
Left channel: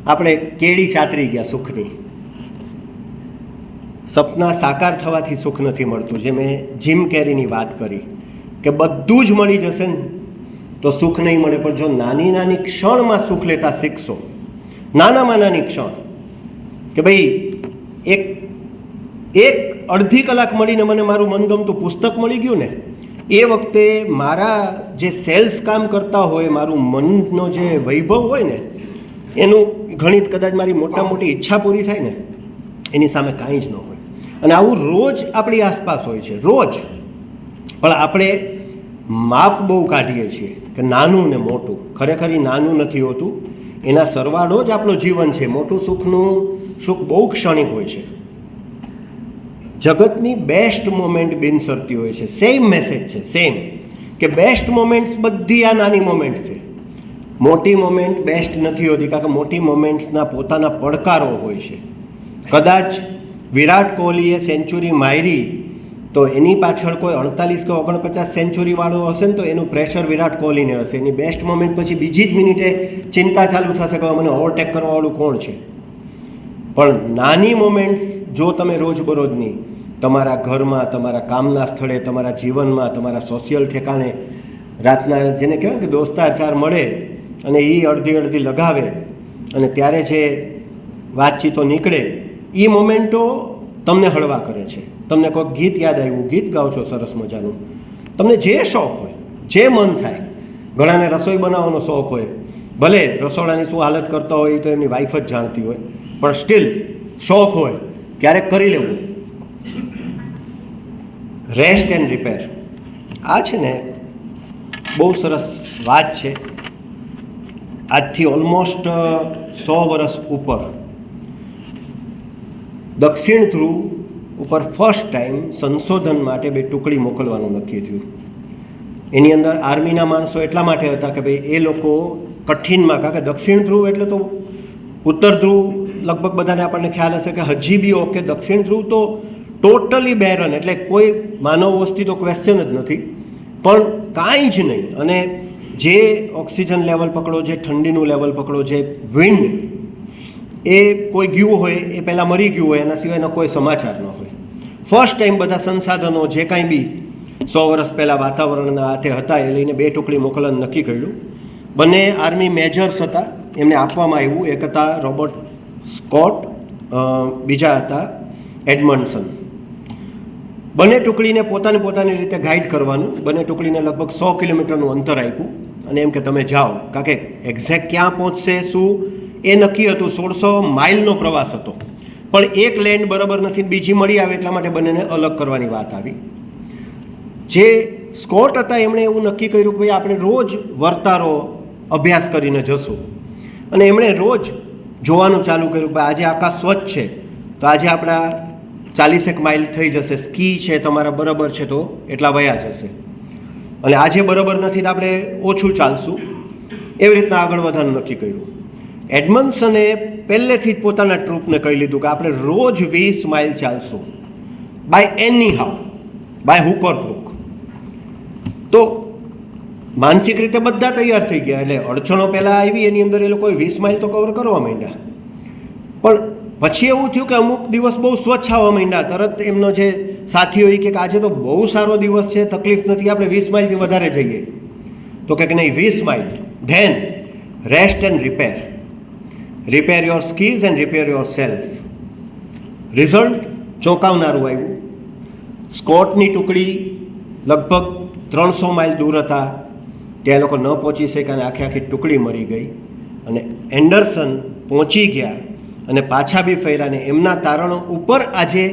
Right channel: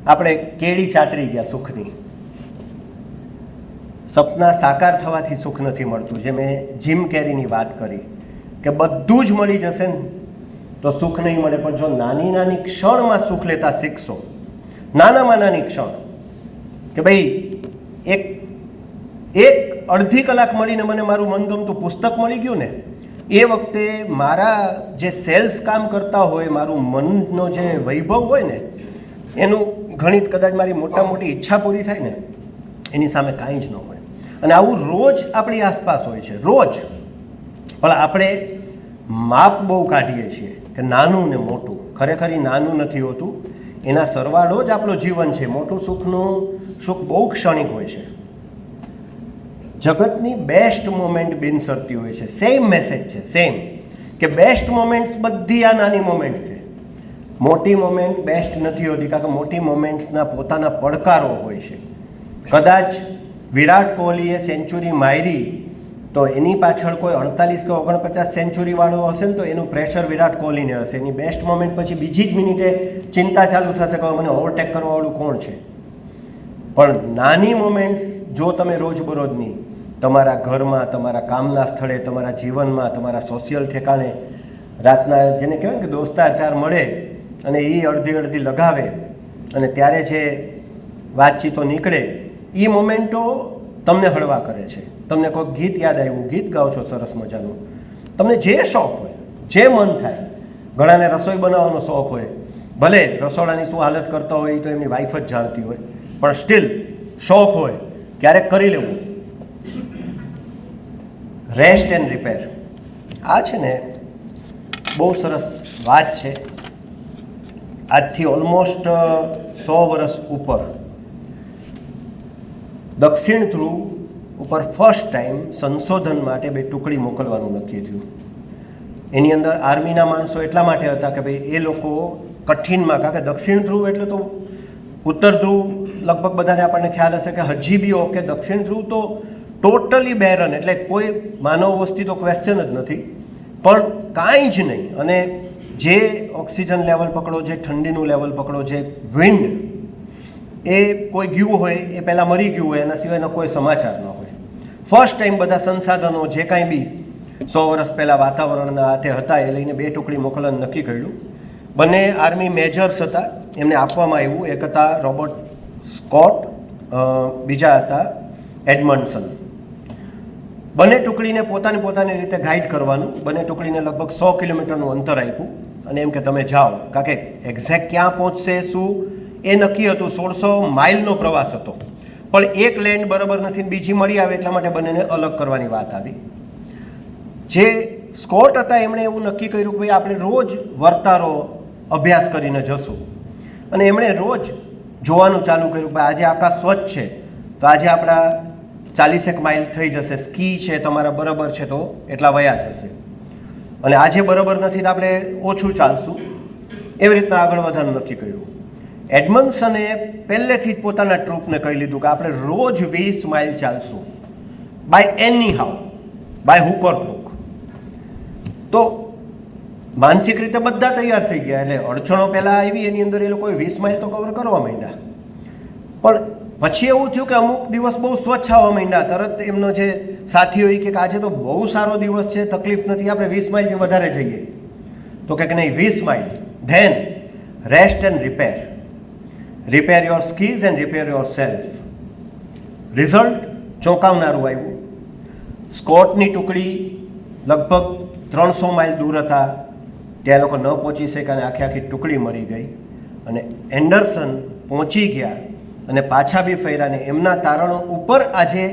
આપણે કેળી ચાતરી ગયા સુખની. સપના સાકાર થવાથી સુખ નથી મળતું. જે મેં જીમ કેરીની વાત કરી કે બધું જ મળી જશે ને તો સુખ નહીં મળે. પણ જો નાની નાની ક્ષણમાં સુખ લેતા શીખશો, નાનામાં નાની ક્ષણ, કે ભાઈ એક અડધી કલાક મળીને મને મારું મનગમતું પુસ્તક મળી ગયું ને, એ વખતે મારા જે સેલ્સ કામ કરતા હોય, મારું મનનો જે વૈભવ હોય ને, એનું ઘણી કદાચ મારી મોટા મોટી ઈચ્છા પૂરી થાય ને, એની સામે કાંઈ જ ન હોય. અને આવું રોજ આપણી આસપાસ હોય છે, રોજ. પણ આપણે માપ બહુ કાઢીએ છીએ કે નાનું ને મોટું. ખરેખર એ નાનું નથી હોતું, એના સરવાળો જ આપણું જીવન છે. મોટું સુખ બહુ ક્ષણિક હોય છે. જગતની બેસ્ટ મોમેન્ટ બિનસરતી હોય છે. સેમ મેસેજ છે, સેમ, કે બેસ્ટ મોમેન્ટ્સ બધી આ નાની મોમેન્ટ્સ છે. મોટી મોમેન્ટ બેસ્ટ નથી હોતી, કારણ કે મોટી મોમેન્ટ્સના પોતાના પડકારો હોય છે. કદાચ વિરાટ કોહલીએ સેન્ચુરી મારી તો એની પાછળ કોઈ 48 કે 49 સેન્ચુરીવાળો હશે ને, તો એનું પ્રેશર વિરાટ કોહલીને હશે. એની બેસ્ટ મોમેન્ટ પછી બીજી જ મિનિટે ચિંતા ચાલુ થશે કે મને ઓવરટેક કરવાવાળું કોણ છે. પણ નાની મોમેન્ટ્સ જો તમે રોજબરોજની તમારા ઘરમાં, તમારા કામના સ્થળે, તમારા જીવનમાં, તમારા સોશિયલ ઠેકાણે, રાતના જેને કહેવાય કે દોસ્તાર ચાર મળે અને એ અડધી લગાવે અને ત્યારે જે વાતચીતો નીકળે, એ મોમેન્ટો તમને હળવા કરે છે. તમને કોઈક ગીત યાદ આવ્યું, ગીત ગાઓ છો સરસ મજાનું, તમને જે શોખ હોય, જે મન થાય. ઘણાને રસોઈ બનાવવાનો શોખ હોય, ભલે રસોડાની શું હાલત કરતા હોય તો એમની વાઈફ જ જાણતી હોય, પણ સ્ટીલ શોખ હોય, ક્યારેક કરી લેવું. રેસ્ટ એન્ડ રિપેર, આ છે ને બહુ સરસ વાત છે. આજથી ઓલમોસ્ટ 100 વર્ષ ઉપર દક્ષિણ ધ્રુવ ઉપર ફર્સ્ટ ટાઈમ સંશોધન માટે 2 ટુકડી મોકલવાનું નક્કી થયું. એની અંદર આર્મીના માણસો એટલા માટે હતા કે ભાઈ એ લોકો કઠિનમાં, કારણ કે દક્ષિણ ધ્રુવ એટલે તો ઉત્તર ધ્રુવ લગભગ બધાને આપણને ખ્યાલ હશે કે હજી બી ઓકે, દક્ષિણ ધ્રુવ તો ટોટલી બેરન, એટલે કોઈ માનવ વસ્તી તો ક્વેશ્ચન જ નથી, પણ કાંઈ જ નહીં. અને જે ઓક્સિજન લેવલ પકડો, જે ઠંડીનું લેવલ પકડો, જે વિન્ડ, એ કોઈ ગયું હોય એ પહેલાં મરી ગયું હોય, એના સિવાયનો કોઈ સમાચાર ન હોય. ફર્સ્ટ ટાઈમ બધા સંસાધનો જે કાંઈ બી 100 વર્ષ પહેલાં વાતાવરણના હાથે હતા એ લઈને 2 ટુકડી મોકલવાનું નક્કી કર્યું. બંને આર્મી મેજર્સ હતા, એમને આપવામાં આવ્યું. એક હતા રોબર્ટ સ્કોટ, બીજા હતા એડમન્ડસન. બંને ટુકડીને પોતાની રીતે ગાઈડ કરવાનું. બંને ટુકડીને લગભગ 100 કિલોમીટરનું અંતર આપ્યું અને એમ કે તમે જાઓ, કારણ કે એક્ઝેક્ટ ક્યાં પહોંચશે શું એ નક્કી હતું. 1600 માઇલનો પ્રવાસ હતો, પણ એક લેન્ડ બરાબર નથી, બીજી મળી આવે, એટલા માટે બંનેને અલગ કરવાની વાત આવી. જે સ્કોટ હતા એમણે એવું નક્કી કર્યું કે ભાઈ આપણે રોજ વર્તારો અભ્યાસ કરીને જશું. અને એમણે રોજ જોવાનું ચાલુ કર્યું કે આજે આકાશ સ્વચ્છ છે તો આજે આપણા 40 માઇલ થઈ જશે, સ્કી છે તમારા બરાબર છે તો એટલા વયા જશે, અને આજે બરાબર નથી તો આપણે ઓછું ચાલશું. એવી રીતના આગળ વધવાનું નક્કી કર્યું. એડમન્ડસને પહેલેથી જ પોતાના ટ્રુપને કહી લીધું કે આપણે રોજ 20 માઇલ ચાલશું, by any how, by hook or crook. તો માનસિક રીતે બધા તૈયાર થઈ ગયા. એટલે અડચણો પહેલાં આવી, એની અંદર એ લોકોએ 20 માઇલ તો કવર કરવા માંડ્યા. પણ પછી એવું થયું કે અમુક દિવસ બહુ સ્વચ્છ આવવા માંડ્યા. તરત એમનો જે સાથીઓ એ કે આજે તો બહુ સારો દિવસ છે, તકલીફ નથી, આપણે 20 માઇલથી વધારે જઈએ. તો કે નહીં, 20 mile. Then rest and repair. Repair your skis and repair yourself. Result ચોંકાવનારું આવ્યું. સ્કોટની ટુકડી લગભગ 300 માઇલ દૂર હતા, ત્યાં લોકો ન પહોંચી શક્યા અને આખી ટુકડી મરી ગઈ. અને એન્ડરસન પહોંચી ગયા અને પાછા બી ફર્યા ને એમના તારણો ઉપર આજે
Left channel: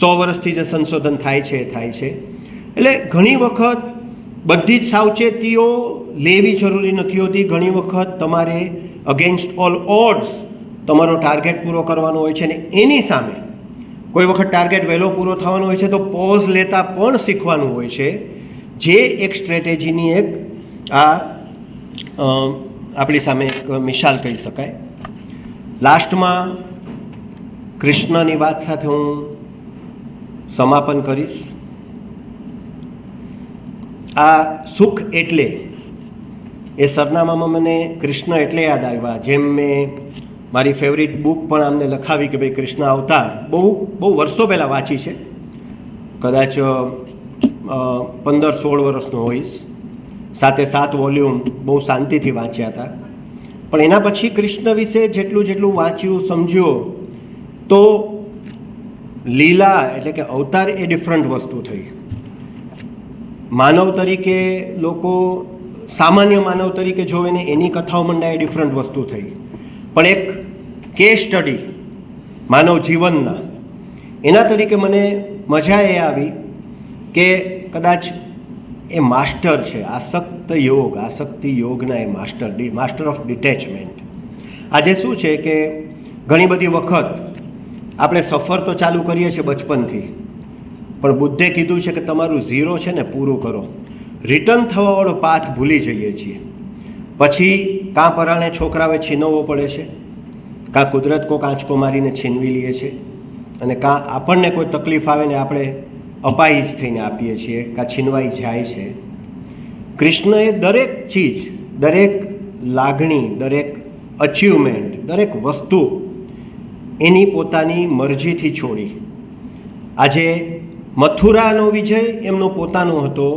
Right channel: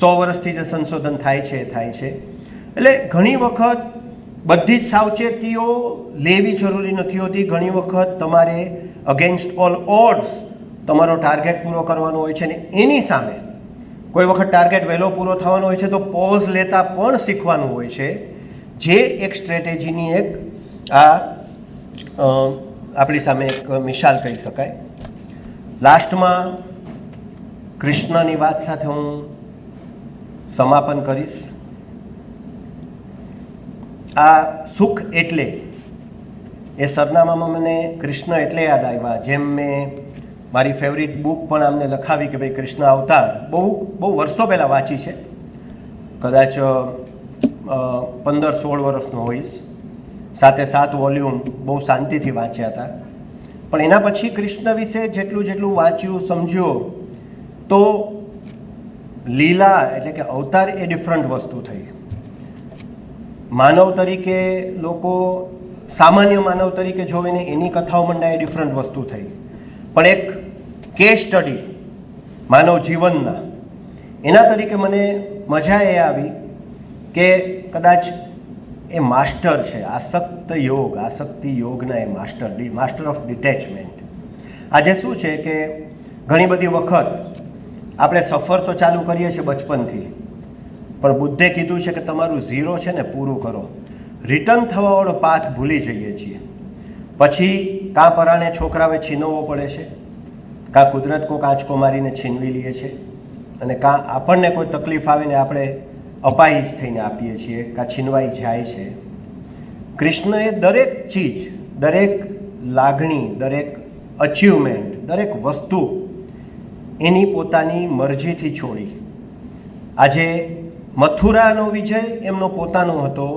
100 વર્ષથી જે સંશોધન થાય છે. એટલે ઘણી વખત બધી જ સાવચેતીઓ લેવી જરૂરી નથી હોતી. ઘણી વખત તમારે અગેન્સ્ટ ઓલ ઓડ્સ તમારો ટાર્ગેટ પૂરો કરવાનો હોય છે, ને એની સામે કોઈ વખત ટાર્ગેટ વહેલો પૂરો થવાનો હોય છે તો પોઝ લેતા પણ શીખવાનું હોય છે, જે એક સ્ટ્રેટેજીની એક આપણી સામે એક મિસાલ કહી શકાય. લાસ્ટમાં કૃષ્ણની વાત સાથે હું સમાપન કરીશ. આ સુખ એટલે એ સરનામામાં મને કૃષ્ણ એટલે યાદ આવ્યા, જેમ મેં મારી ફેવરિટ બુક પણ આમને લખાવી કે ભાઈ કૃષ્ણ અવતાર, બહુ વર્ષો પહેલાં વાંચી છે, કદાચ 15-16 વર્ષનો હોઈશ. સાથે 7 વોલ્યુમ બહુ શાંતિથી વાંચ્યા હતા. પણ એના પછી કૃષ્ણ વિશે જેટલું વાંચ્યું સમજ્યું તો લીલા એટલે કે અવતાર એ ડિફરન્ટ વસ્તુ થઈ. માનવ તરીકે લોકો સામાન્ય માનવ તરીકે જોવે ને એની કથાઓ મંડાય એ ડિફરન્ટ વસ્તુ થઈ. પણ એક કેસ સ્ટડી માનવ જીવનના એના તરીકે મને મજા એ આવી કે કદાચ એ માસ્ટર છે આસક્તિ યોગના એ માસ્ટર ઓફ ડિટેચમેન્ટ. આજે શું છે કે ઘણી બધી વખત આપણે સફર તો ચાલુ કરીએ છીએ બચપનથી, પણ બુદ્ધે કીધું છે કે તમારું ઝીરો છે ને પૂરું કરો. રિટર્ન થવાવાળો પાથ ભૂલી જઈએ છીએ. પછી કાં પરાણે છોકરાઓએ છીનવવો પડે છે, કાં કુદરત કોઈક આંચકો મારીને છીનવી લઈએ છે, અને કાં આપણને કોઈ તકલીફ આવે ને આપણે અપાહિજ થઈને આપીએ છીએ, કાં છીનવાઈ જાય છે. કૃષ્ણએ દરેક ચીજ, દરેક લાગણી, દરેક અચીવમેન્ટ, દરેક વસ્તુ એની પોતાની મરજીથી છોડી. આજે મથુરાનો વિજય એમનો પોતાનો હતો,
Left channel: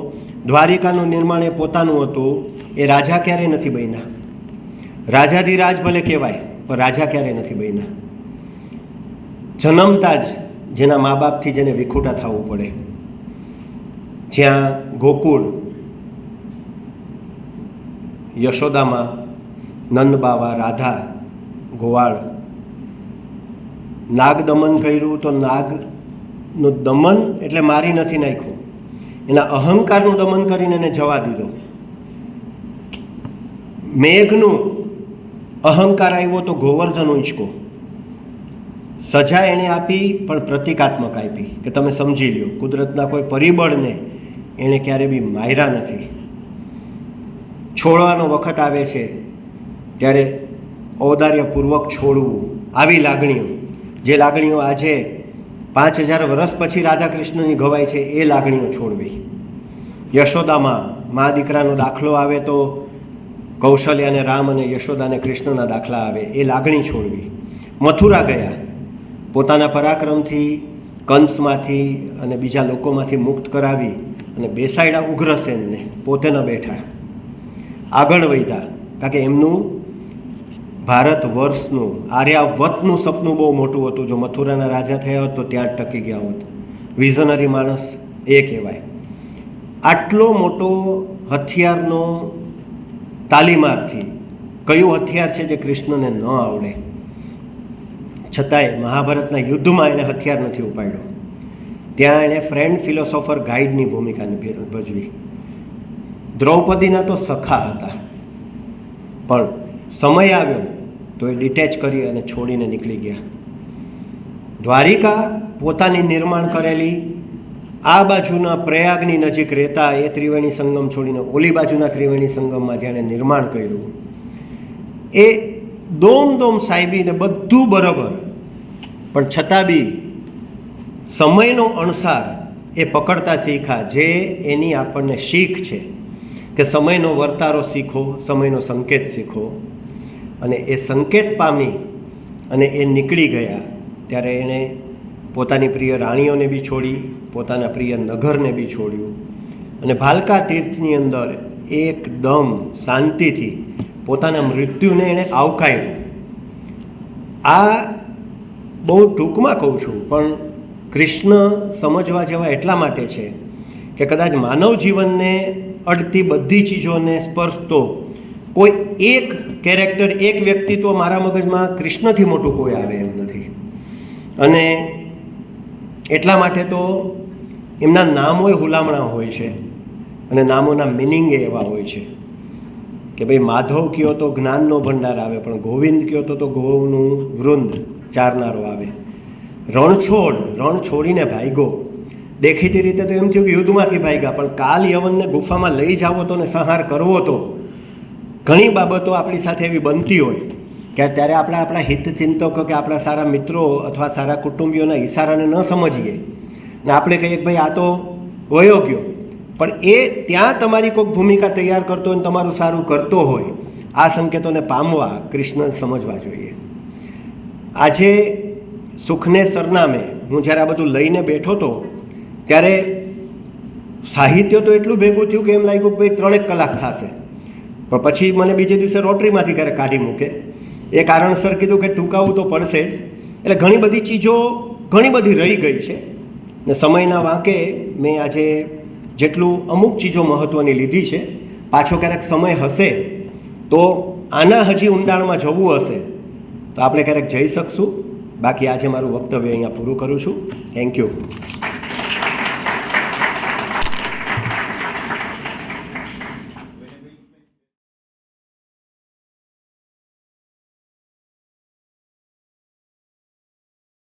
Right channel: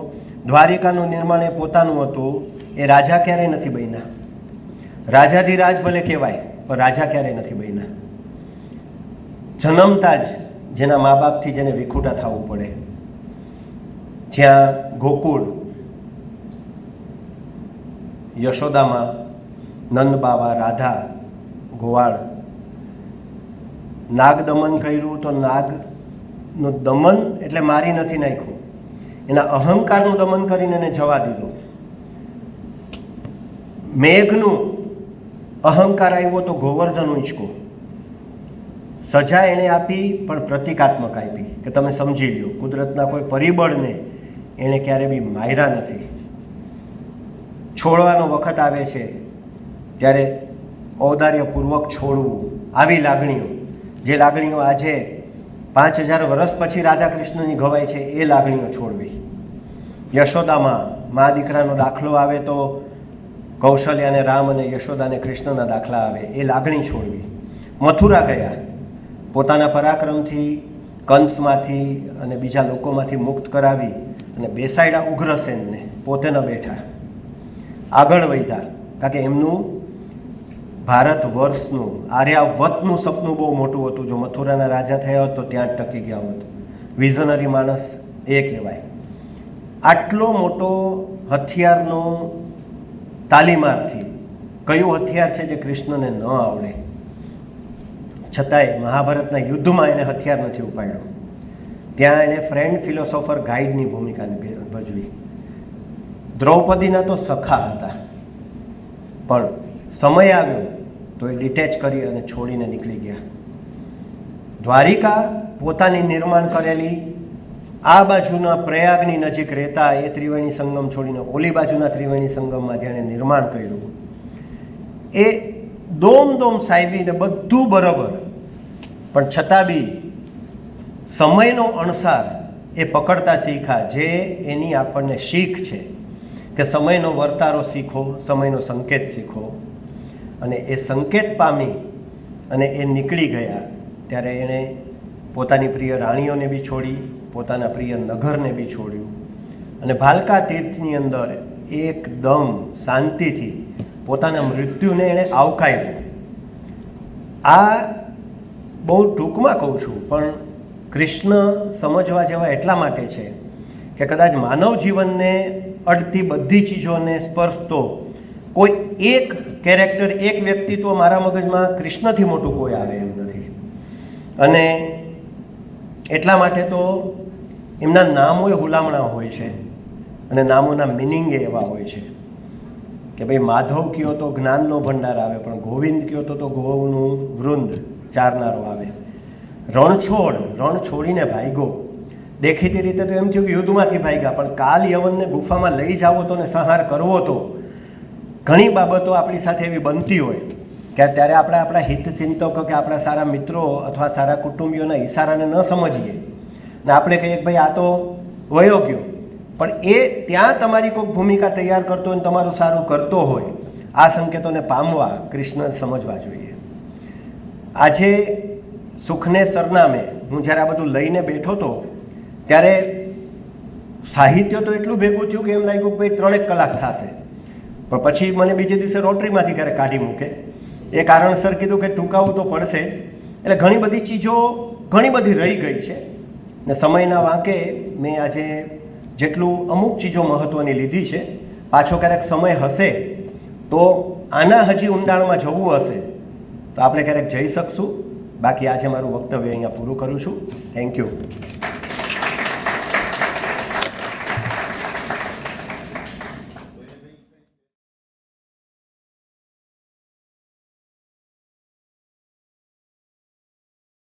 દ્વારિકાનું નિર્માણ એ પોતાનું હતું. એ રાજા ક્યારેય નથી બન્યા. રાજાધિરાજ ભલે કહેવાય પણ રાજા ક્યારેય નથી બન્યા. જન્મતા જ જેના મા બાપથી જેને વિખૂટા થવું પડે, જ્યાં ગોકુળ, યશોદામાં, નંદબાવા, રાધા, ગોવાળ, નાગ દમન કર્યું તો નાગનું દમન એટલે મારી નથી નાખ્યું, એના અહંકારનું દમન કરીને એને જવા દીધો. મેઘનું અહંકાર આવ્યો તો ગોવર્ધન ઉંચકો. સજા એણે આપી પણ પ્રતિકાત્મક આપી કે તમે સમજી લ્યો, કુદરતના કોઈ પરિબળને એણે ક્યારે બી માર્યા નથી. છોડવાનો વખત આવે છે ત્યારે ઔદાર્યપૂર્વક છોડવું. આવી લાગણીઓ, જે લાગણીઓ આજે 5000 વર્ષ પછી રાધા કૃષ્ણની ઘવાય છે, એ લાગણીઓ છોડવી. યશોદામાં મા દીકરાનો દાખલો આવે તો કૌશલ્યાને રામ અને યશોદાને કૃષ્ણના દાખલા આવે, એ લાગણી છોડવી. મથુરા ગયા, પોતાના પરાક્રમથી કંસમાંથી અને બીજા લોકોમાંથી મુક્ત કરાવી અને બેસાડ્યા ઉગ્રસેનને, પોતે ન બેઠા. આગળ વધ્યા, કારણ કે એમનું ભારત વર્ષનું, આર્યાવતનું સપનું બહુ મોટું હતું. જો મથુરાના રાજા થયા હોત તો ત્યાં જ ટકી ગયા હોત. વિઝનરી માણસ એ કહેવાય. આટલો મોટો હથિયારનો તાલીમાર્થી કયું હથિયાર છે જે કૃષ્ણને ન આવડે, છતાંય મહાભારતના યુદ્ધમાં એને હથિયાર નથી ઉપાડ્યો. ત્યાં એણે ફ્રેન્ડ, ફિલોસોફર, ગાઈડની ભૂમિકા ભજવી. દ્રૌપદીના તો સખા હતા, પણ સમય આવ્યો તો એ ડિટેચ કરી અને છોડીને નીકળી ગયા. દ્વારિકા પોતાની નિર્માણ કરેલી, આ બાજુના પ્રયાગની નજીક રહેતા એ ત્રિવેણી સંગમ છોડીને ઓલી બાજુના ત્રિવેણી સંગમમાં જેણે નિર્માણ કર્યું, એ દોમ સાહેબીને બધું બરાબર, પણ છતાં બી સમયનો અણસાર એ પકડતા શીખ્યા. જે એની આપણને શીખ છે કે સમયનો વર્તારો શીખો, સમયનો સંકેત શીખો. અને એ સંકેત પામી અને એ નીકળી ગયા ત્યારે એણે પોતાની પ્રિય રાણીઓને બી છોડી, પોતાના પ્રિય નગરને બી છોડ્યું, અને ભાલકા તીર્થની અંદર એકદમ શાંતિથી પોતાના મૃત્યુને એણે આવકાર્યું. આ બહુ ટૂંકમાં કહું છું, પણ કૃષ્ણ સમજવા જેવા એટલા માટે છે કે કદાચ માનવ જીવનને અડતી બધી ચીજોને સ્પર્શતો કોઈ એક કેરેક્ટર, એક વ્યક્તિત્વ મારા મગજમાં કૃષ્ણથી મોટું કોઈ આવે એમ નથી. અને એટલા માટે તો એમના નામોય હુલામણા હોય છે, અને નામોના મિનિંગ એવા હોય છે કે ભાઈ માધવ કયો તો જ્ઞાનનો ભંડાર આવે, પણ ગોવિંદ કયો તો ગોવનું વૃંદ ચારનારો આવે. રણ છોડીને ભાગ્યો. દેખીતી રીતે તો એમ થયું કે યુદ્ધમાંથી ભાગ્યા, પણ કાલ યવનને ગુફામાં લઈ જાવો તો ને સંહાર કરવો તો. ઘણી બાબતો આપણી સાથે એવી બનતી હોય કે ત્યારે આપણે આપણા હિતચિંતકો કે આપણા સારા મિત્રો અથવા સારા કુટુંબીઓના ઈશારાને ન સમજીએ ને આપણે કહીએ કે ભાઈ આ તો વયો ગયો, પણ એ ત્યાં તમારી કોઈક ભૂમિકા તૈયાર કરતો હોય ને તમારું સારું કરતો હોય, આ સંકેતોને પામવા કૃષ્ણ સમજવા જોઈએ. આજે સુખને સરનામે હું જ્યારે આ બધું લઈને બેઠો હતો ત્યારે સાહિત્ય તો એટલું ભેગું થયું કે એમ લાગ્યું કે ભાઈ 3 કલાક થશે, પણ પછી મને બીજે દિવસે રોટરીમાંથી ક્યારેક કાઢી મૂકે. એ કારણસર કીધું કે ટૂંકાવું તો પડશે જ. એટલે ઘણી બધી ચીજો ઘણી બધી રહી ગઈ છે ને સમયના વાંકે મેં આજે જેટલું અમુક ચીજો મહત્ત્વની લીધી છે. પાછો ક્યારેક સમય હશે તો આના હજી ઊંડાણમાં જવું હશે તો આપણે ક્યારેક જઈ શકશું. બાકી આજે મારું વક્તવ્ય અહીંયા પૂરું કરું છું. Thank you.